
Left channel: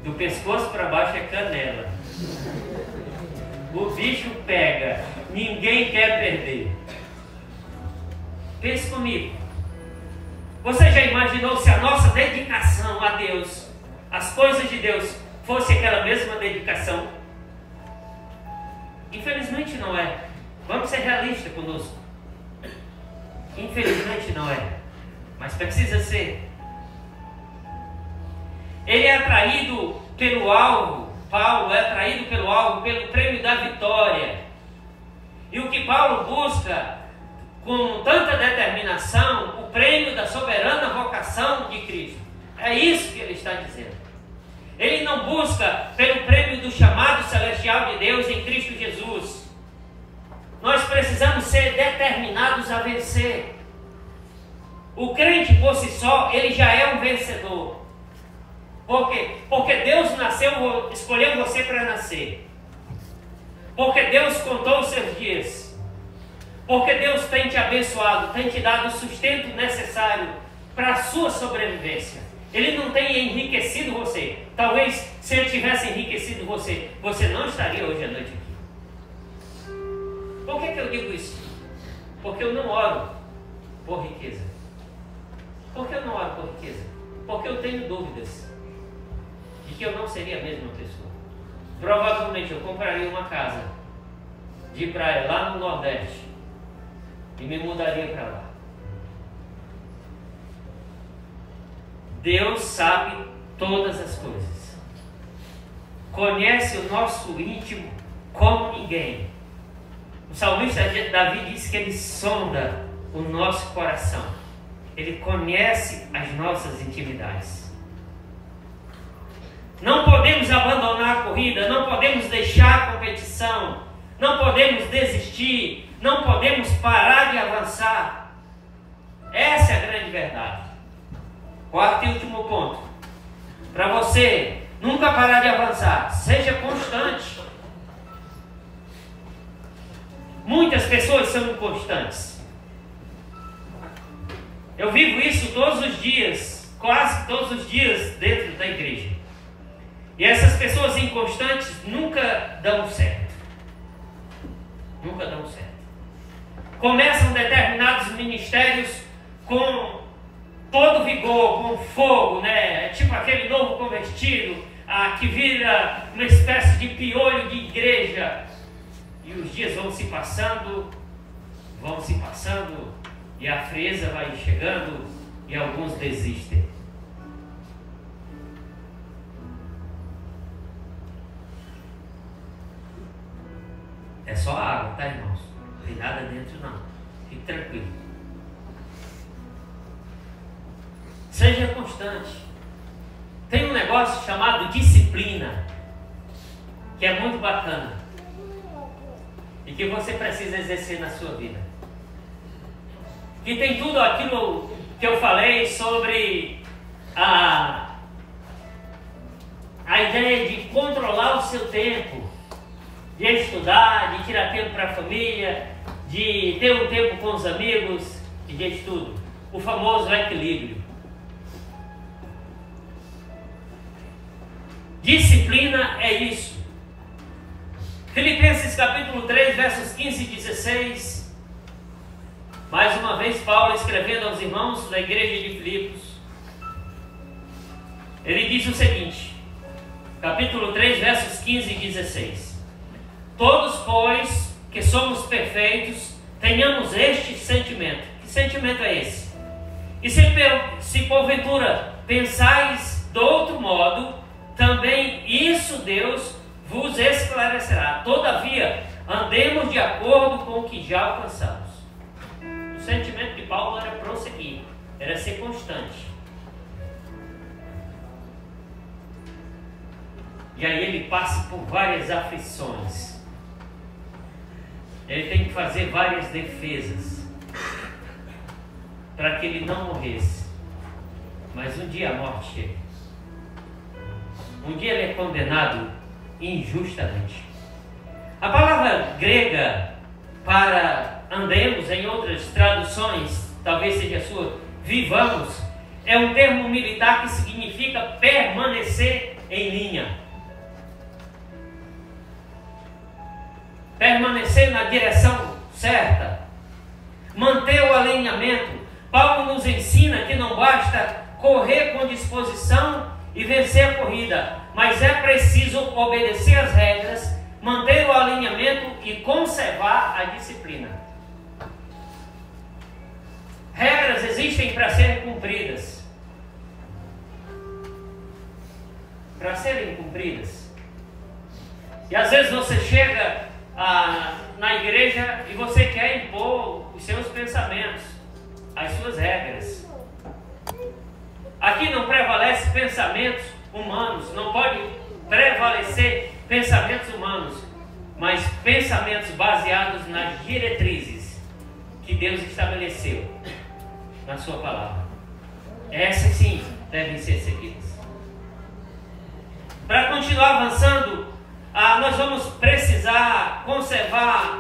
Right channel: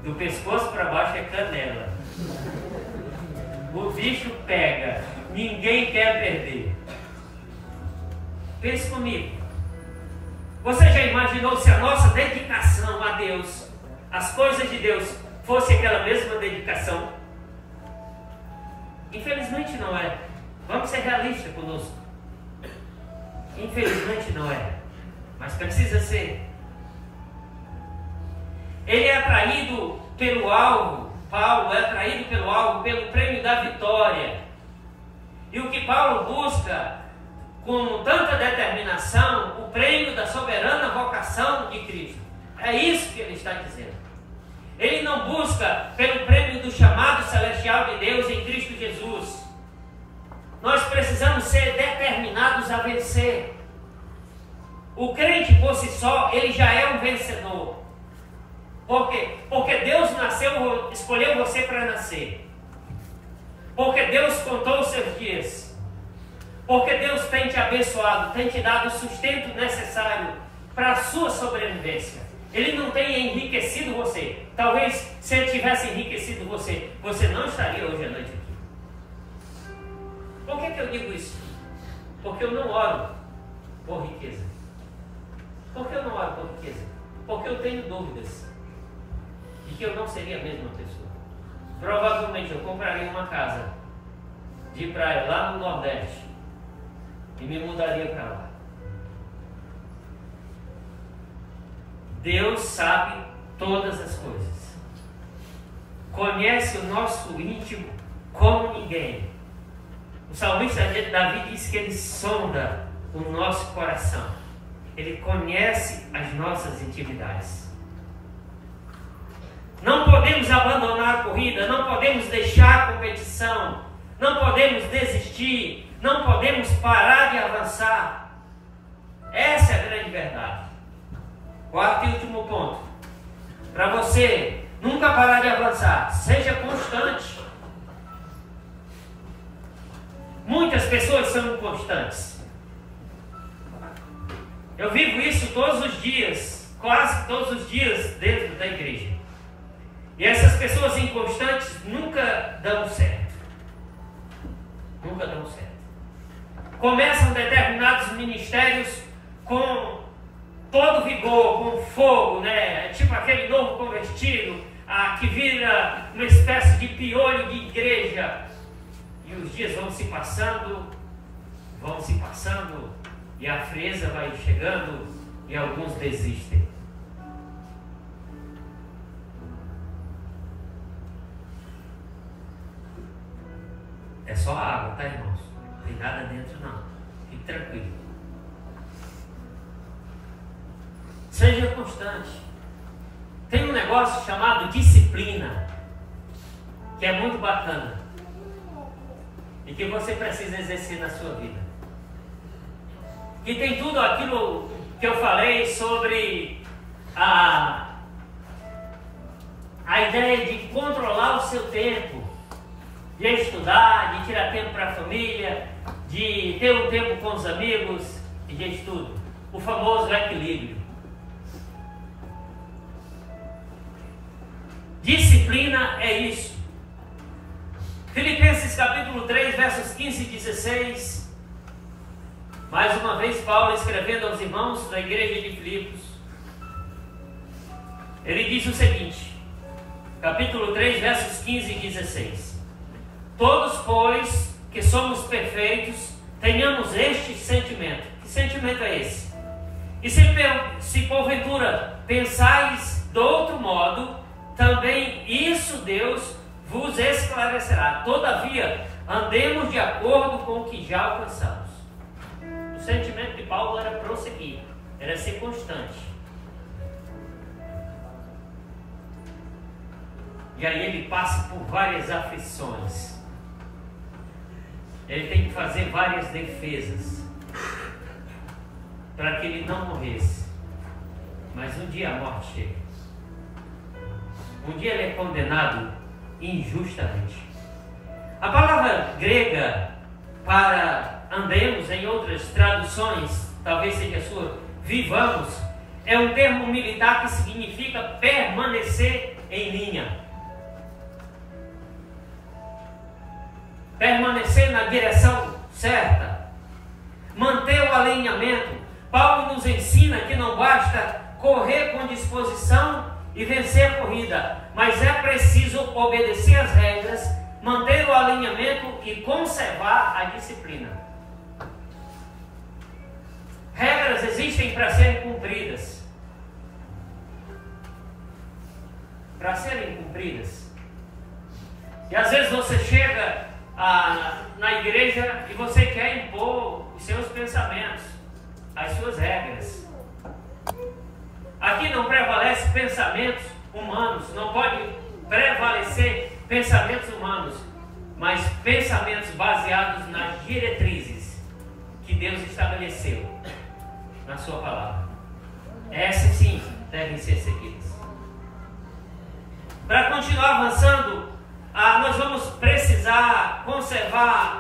Do pescoço para baixo é canela. O bicho pega, ninguém quer perder. Pense comigo. Você já imaginou se a nossa dedicação a Deus, as coisas de Deus, fosse aquela mesma dedicação? Infelizmente não é. Vamos ser realistas conosco. Infelizmente não é. Mas precisa ser. Ele é atraído pelo alvo. Paulo é atraído pelo alvo, pelo prêmio da vitória. E o que Paulo busca com tanta determinação, o prêmio da soberana vocação de Cristo. É isso que ele está dizendo. Ele não busca pelo prêmio do chamado celestial de Deus em Cristo Jesus. Nós precisamos ser determinados a vencer. O crente por si só, ele já é um vencedor. Por quê? Porque Deus escolheu você para nascer. Porque Deus contou os seus dias. Porque Deus tem te abençoado, tem te dado o sustento necessário para a sua sobrevivência. Ele não tem enriquecido você. Talvez se Ele tivesse enriquecido você, você não estaria hoje à noite aqui. Por que eu digo isso? Porque eu não oro por riqueza. Por que eu não oro por riqueza? Porque eu tenho dúvidas de que eu não seria a mesma pessoa. Provavelmente eu compraria uma casa de praia lá no Nordeste e me mudaria para lá. Deus sabe todas as coisas. Conhece o nosso íntimo como ninguém. O salmista Davi diz que ele sonda o nosso coração. Ele conhece as nossas intimidades. Não podemos abandonar a corrida, não podemos deixar a competição, não podemos desistir, não podemos parar de avançar. Essa é a grande verdade. Quarto e último ponto. Para você nunca parar de avançar, seja constante. Muitas pessoas são inconstantes. Eu vivo isso todos os dias, quase todos os dias dentro da igreja. E essas pessoas inconstantes nunca dão certo. Nunca dão certo. Começam determinados ministérios com todo vigor, com fogo, né? É tipo aquele novo convertido que vira uma espécie de piolho de igreja. E os dias vão se passando, e a frieza vai chegando e alguns desistem. É só água, Seja constante. Tem um negócio chamado disciplina, que é muito bacana e que você precisa exercer na sua vida. E tem tudo aquilo que eu falei sobre a ideia de controlar o seu tempo, de estudar, de tirar tempo para a família, de ter um tempo com os amigos e de estudo. O famoso equilíbrio. Disciplina é isso. Filipenses capítulo 3, versos 15 e 16. Mais uma vez Paulo escrevendo aos irmãos da igreja de Filipos. Ele diz o seguinte, capítulo 3, versos 15 e 16. Todos, pois, que somos perfeitos, tenhamos este sentimento. Que sentimento é esse? E se porventura pensais de outro modo, também isso Deus vos esclarecerá. Todavia, andemos de acordo com o que já alcançamos. O sentimento de Paulo era prosseguir, era ser constante. E aí ele passa por várias aflições. Ele tem que fazer várias defesas para que ele não morresse. Mas um dia a morte chega. Um dia ele é condenado injustamente. A palavra grega para andemos, em outras traduções, talvez seja a sua, vivamos, é um termo militar que significa permanecer em linha. Permanecer na direção certa. Manter o alinhamento. Paulo nos ensina que não basta correr com disposição e vencer a corrida, mas é preciso obedecer as regras, manter o alinhamento e conservar a disciplina. Regras existem para serem cumpridas. Para serem cumpridas. E às vezes você chega na igreja e você quer impor os seus pensamentos, as suas regras. Aqui não prevalece pensamentos humanos, não pode prevalecer pensamentos humanos, mas pensamentos baseados nas diretrizes que Deus estabeleceu na sua palavra. Essas sim devem ser seguidas. Para continuar avançando, nós vamos precisar conservar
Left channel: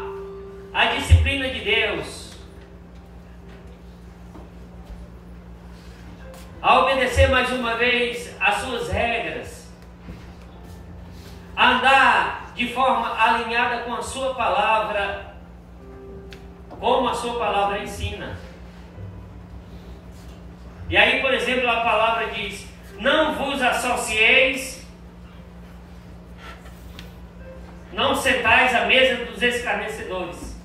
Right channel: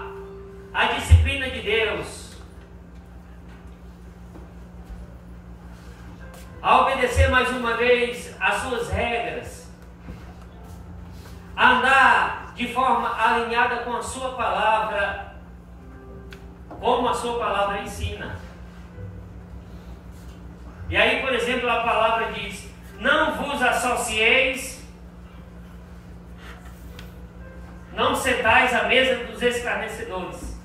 a disciplina de Deus, a obedecer mais uma vez as suas regras, a andar de forma alinhada com a sua palavra, como a sua palavra ensina. E aí, por exemplo, a palavra diz: não vos associeis, não sentais à mesa dos escarnecedores.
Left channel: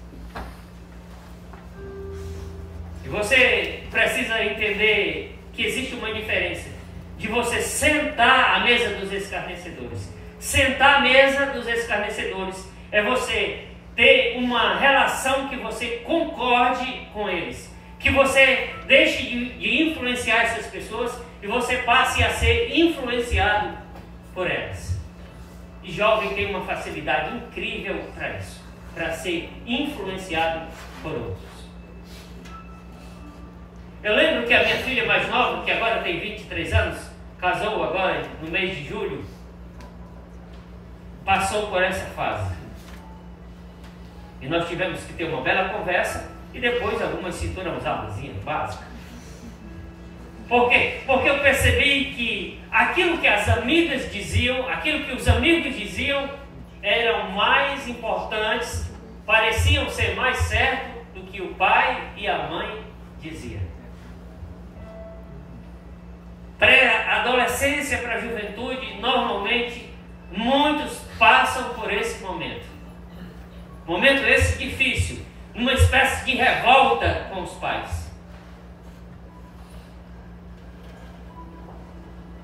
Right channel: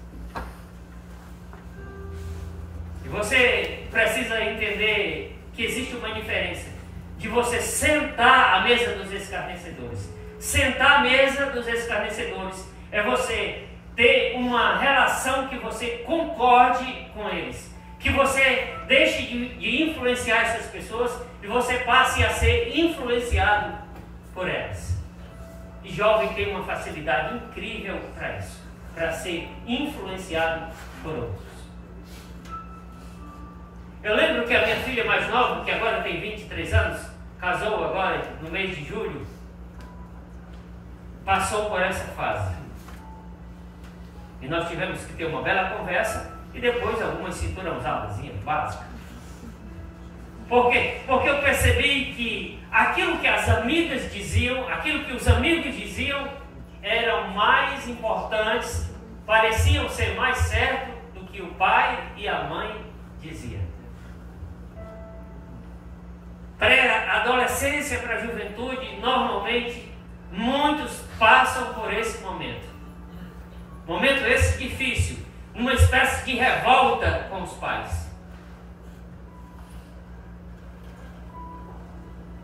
E você precisa entender que existe uma diferença de você sentar à mesa dos escarnecedores. Sentar à mesa dos escarnecedores é você ter uma relação que você concorde com eles, que você deixe de influenciar essas pessoas e você passe a ser influenciado por elas. E jovem tem uma facilidade incrível para isso, para ser influenciado por outros. Eu lembro que a minha filha mais nova, que agora tem 23 anos, casou agora no mês de julho, passou por essa fase. E nós tivemos que ter uma bela conversa e depois algumas cinturas usadas básicas. Por quê? Porque eu percebi que aquilo que as amigas diziam, aquilo que os amigos diziam, eram mais importantes, pareciam ser mais certo do que o pai e a mãe diziam. Pré-adolescência para a juventude, normalmente, muitos passam por esse momento. Momento esse difícil, uma espécie de revolta com os pais.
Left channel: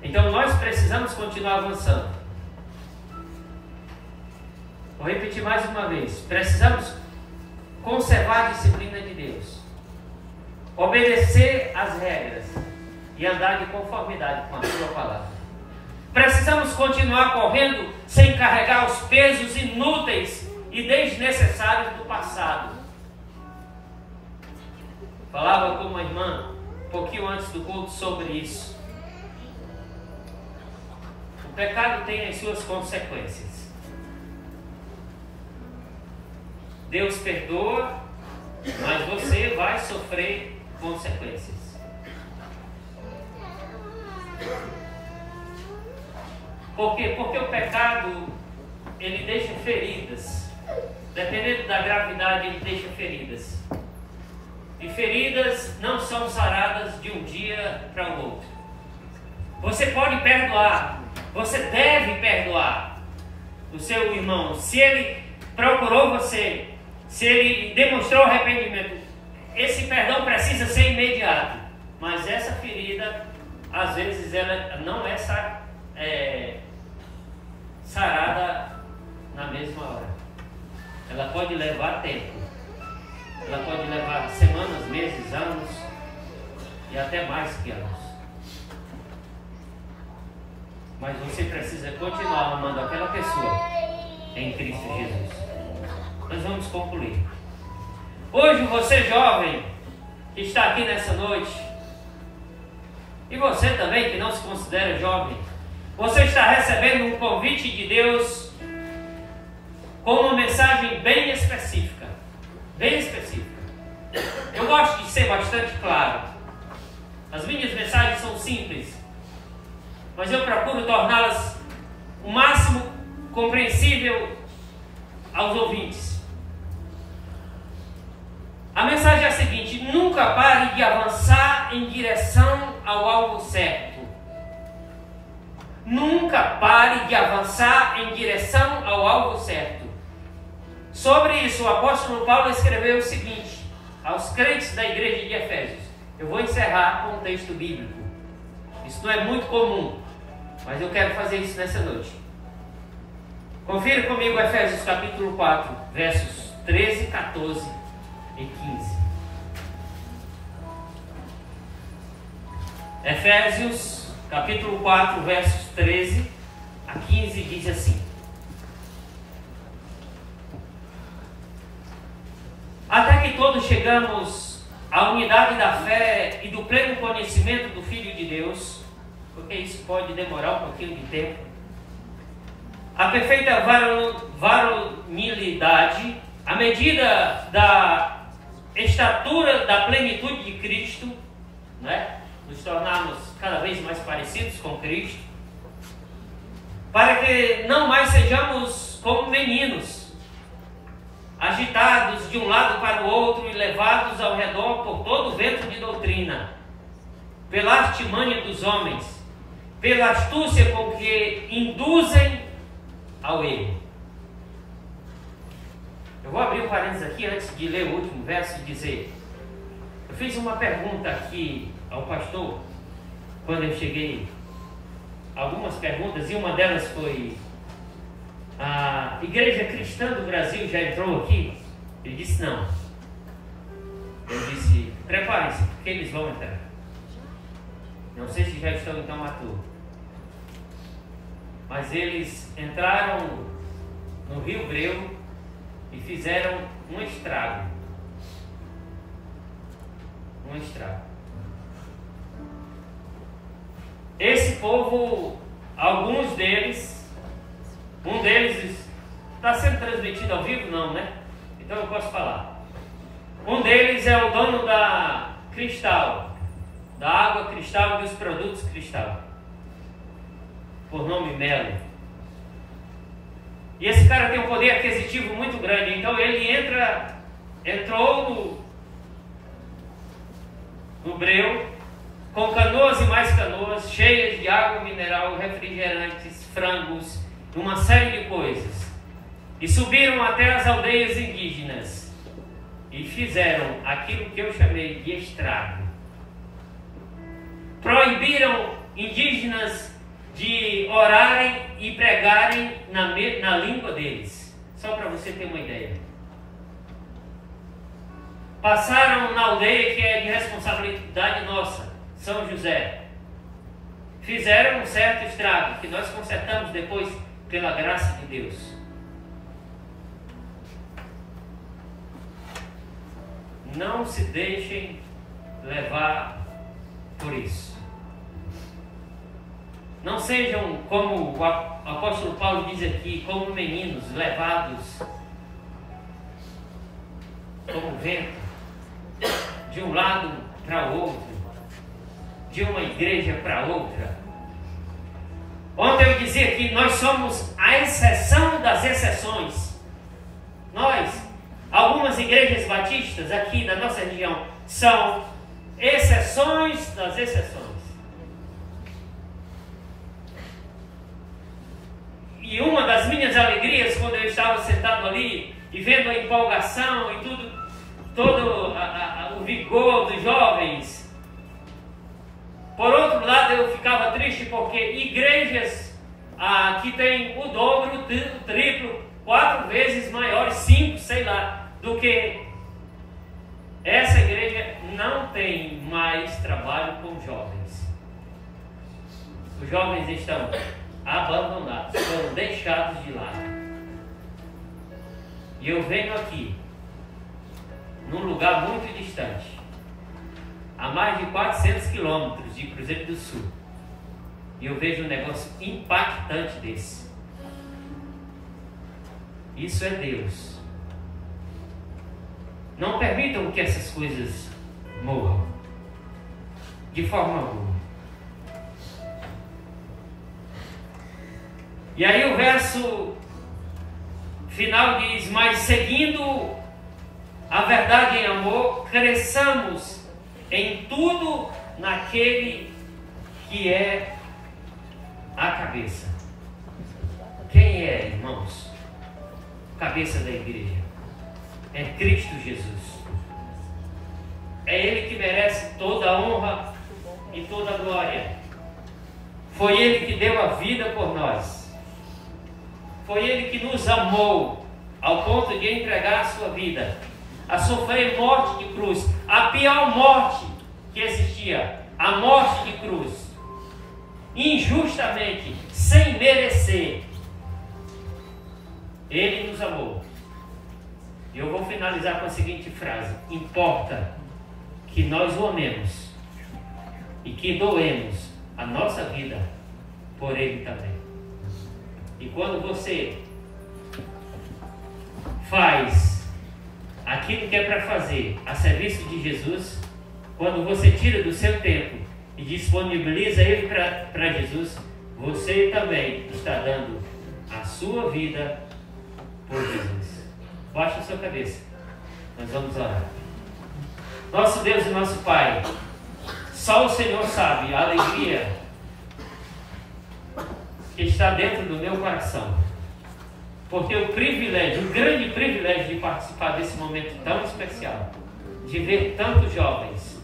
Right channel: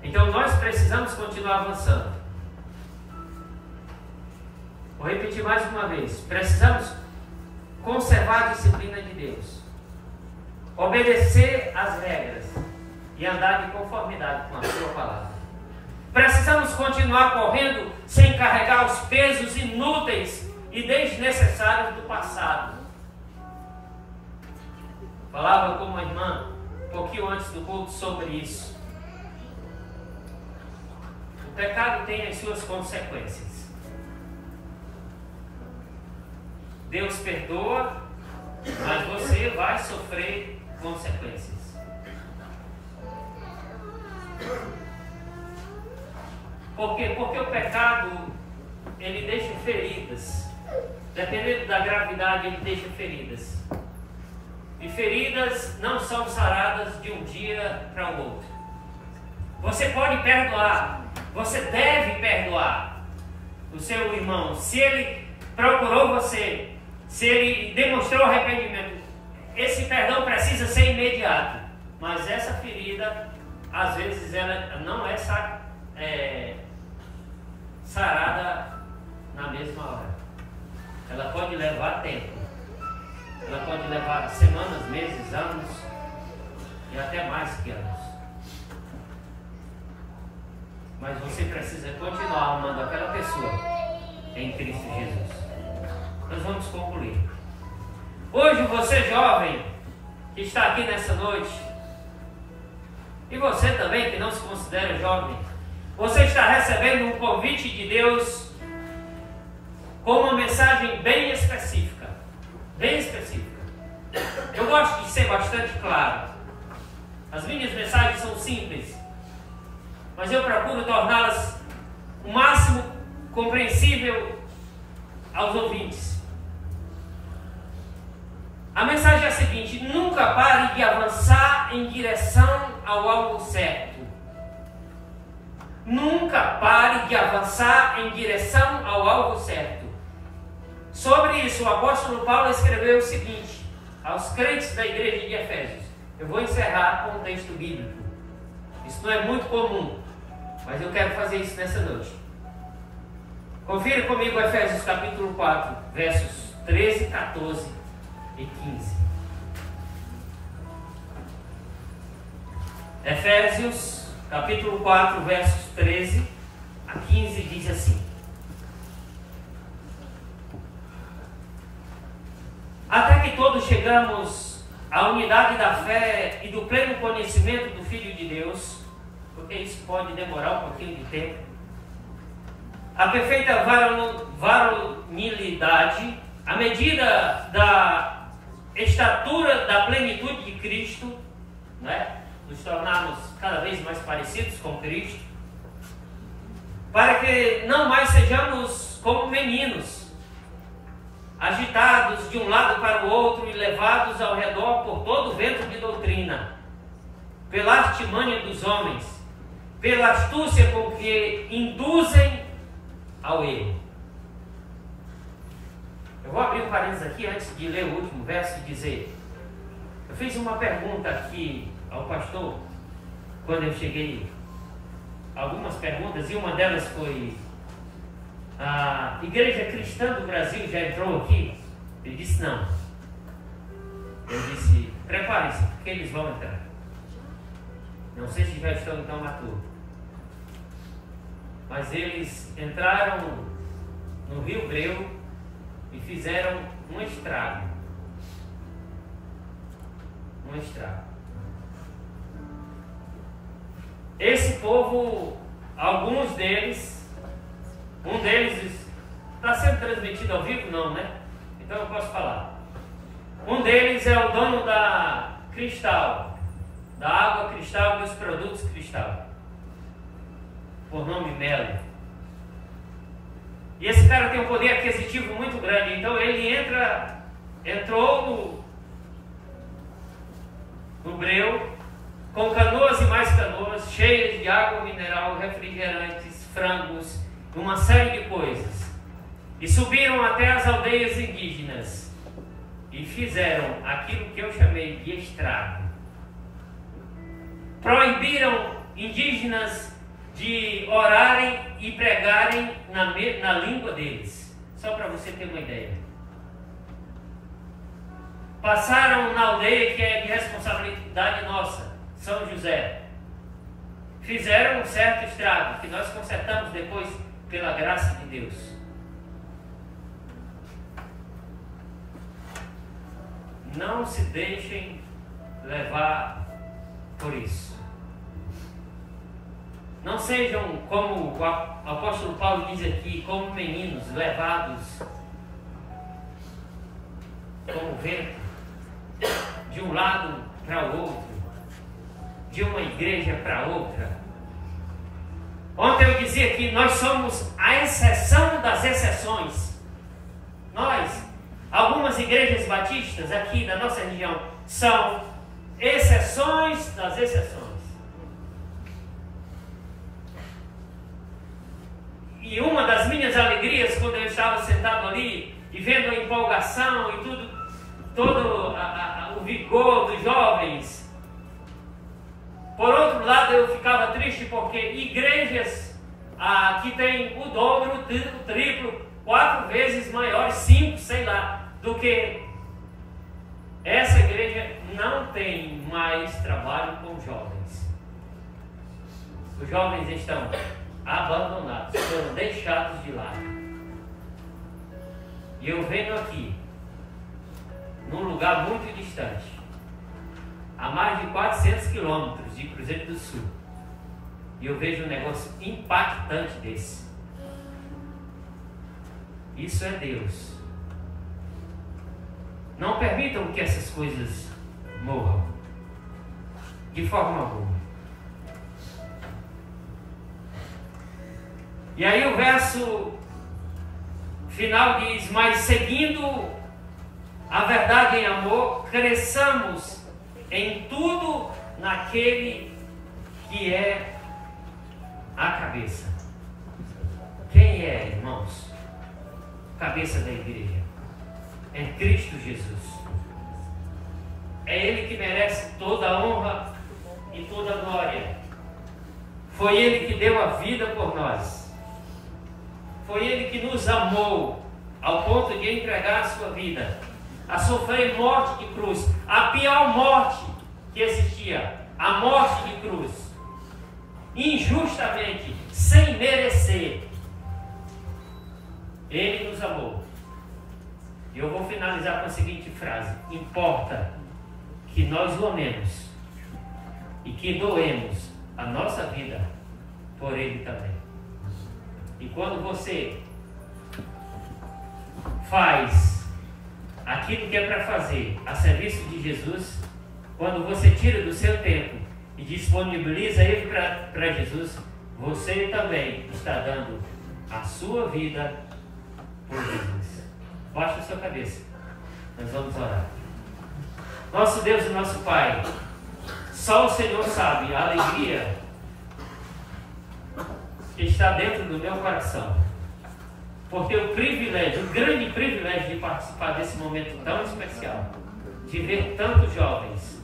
Então nós precisamos continuar avançando. Vou repetir mais uma vez. Precisamos conservar a disciplina de Deus, obedecer às regras e andar de conformidade com a sua palavra. Precisamos continuar correndo sem carregar os pesos inúteis e desnecessários do passado. Falava com uma irmã um pouquinho antes do culto sobre isso. O pecado tem as suas consequências. Deus perdoa, mas você vai sofrer consequências. Por quê? Porque o pecado, ele deixa feridas. Dependendo da gravidade, ele deixa feridas. E feridas não são saradas de um dia para o outro. Você pode perdoar, você deve perdoar o seu irmão. Se ele procurou você, se ele demonstrou arrependimento, esse perdão precisa ser imediato. Mas essa ferida, às vezes, ela não é sarada na mesma hora. Ela pode levar tempo. Ela pode levar semanas, meses, anos e até mais que anos. Mas você precisa continuar amando aquela pessoa em Cristo Jesus. Nós vamos concluir. Hoje você jovem que está aqui nessa noite, e você também que não se considera jovem, você está recebendo um convite de Deus com uma mensagem bem específica. Bem específica. Eu gosto de ser bastante claro. As minhas mensagens são simples, mas eu procuro torná-las o máximo compreensível aos ouvintes. A mensagem é a seguinte: nunca pare de avançar em direção ao alvo certo. Nunca pare de avançar em direção ao alvo certo. Sobre isso, o apóstolo Paulo escreveu o seguinte aos crentes da igreja de Efésios. Eu vou encerrar com um texto bíblico. Isso não é muito comum, mas eu quero fazer isso nessa noite. Confira comigo Efésios capítulo 4, versos 13, 14 e 15. Efésios capítulo 4, versos 13 a 15 diz assim: até que todos chegamos à unidade da fé e do pleno conhecimento do Filho de Deus, porque isso pode demorar um pouquinho de tempo, a perfeita varonilidade, à medida da estatura da plenitude de Cristo, né? Nos tornarmos cada vez mais parecidos com Cristo, para que não mais sejamos como meninos, agitados de um lado para o outro e levados ao redor por todo vento de doutrina, pela artimanha dos homens, pela astúcia com que induzem ao erro. Eu vou abrir um parênteses aqui antes de ler o último verso e dizer: eu fiz uma pergunta aqui ao pastor quando eu cheguei, algumas perguntas, e uma delas foi: a Igreja Cristã do Brasil já entrou aqui? Ele disse não. Eu disse: prepare-se, porque eles vão entrar. Não sei se já estão então à toa, mas eles entraram no Rio Breu e fizeram um estrago. Um estrago. Esse povo, alguns deles, um deles está sendo transmitido ao vivo? Não, né? Então eu posso falar. Um deles é o dono da Cristal, da água Cristal e dos produtos Cristal, por nome Melo. E esse cara tem um poder aquisitivo muito grande. Então ele entrou no breu, com canoas e mais canoas, cheias de água mineral, refrigerantes, frangos, uma série de coisas. E subiram até as aldeias indígenas e fizeram aquilo que eu chamei de estrago. Proibiram indígenas de orarem e pregarem na língua deles. Só para você ter uma ideia. Passaram na aldeia que é de responsabilidade nossa, São José, fizeram um certo estrago, que nós consertamos depois pela graça de Deus. Não se deixem levar por isso. Não sejam como o apóstolo Paulo diz aqui, como meninos levados como vento, de um lado para o outro, de uma igreja para outra. Ontem eu dizia que nós somos a exceção das exceções. Nós, algumas igrejas batistas aqui da nossa região, são exceções das exceções. E uma das minhas alegrias quando eu estava sentado ali e vendo a empolgação e tudo, todo o vigor dos jovens. Por outro lado, eu ficava triste porque igrejas que têm o dobro, o triplo, 4 vezes maiores, 5, sei lá, do que essa igreja, não tem mais trabalho com jovens. Os jovens estão abandonados, foram deixados de lado. E eu venho aqui, num lugar muito distante, a mais de 400 quilômetros de Cruzeiro do Sul, e eu vejo um negócio impactante desse. Isso é Deus. Não permitam que essas coisas morram, de forma alguma. E aí o verso final diz: mas seguindo a verdade em amor, cresçamos em tudo naquele que é a cabeça. Quem é, irmãos? Cabeça da igreja é Cristo Jesus. É Ele que merece toda a honra e toda a glória. Foi Ele que deu a vida por nós. Foi Ele que nos amou ao ponto de entregar a sua vida, a sofrer morte de cruz, a pior morte que existia, a morte de cruz, injustamente, sem merecer. Ele nos amou. E eu vou finalizar com a seguinte frase: importa que nós o amemos e que doemos a nossa vida por Ele também. E quando você faz aquilo que é para fazer a serviço de Jesus, quando você tira do seu tempo e disponibiliza ele para Jesus, você também está dando a sua vida por Jesus. Baixe a sua cabeça, nós vamos orar. Nosso Deus e nosso Pai, só o Senhor sabe a alegria que está dentro do meu coração, porque o grande privilégio de participar desse momento tão especial, de ver tantos jovens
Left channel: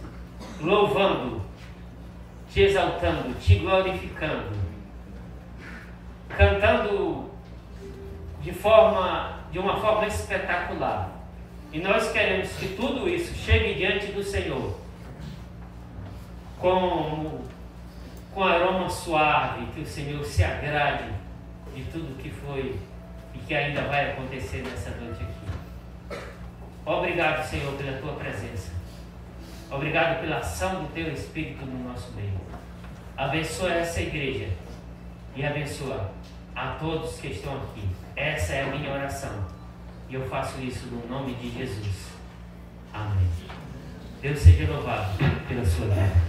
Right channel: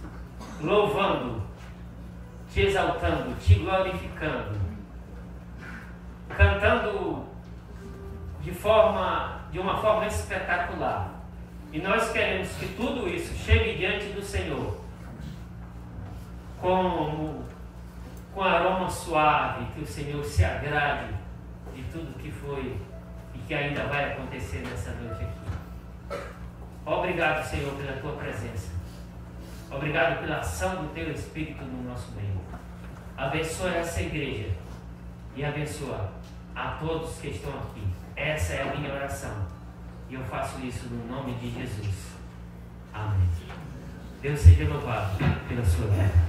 louvando, te exaltando, te glorificando, cantando de uma forma espetacular. E nós queremos que tudo isso chegue diante do Senhor com aroma suave, que o Senhor se agrade de tudo que foi e que ainda vai acontecer nessa noite aqui. Obrigado, Senhor, pela tua presença. Obrigado pela ação do teu Espírito no nosso meio. Abençoa essa igreja e abençoa a todos que estão aqui. Essa é a minha oração e eu faço isso no nome de Jesus. Amém. Deus seja louvado pela sua vida.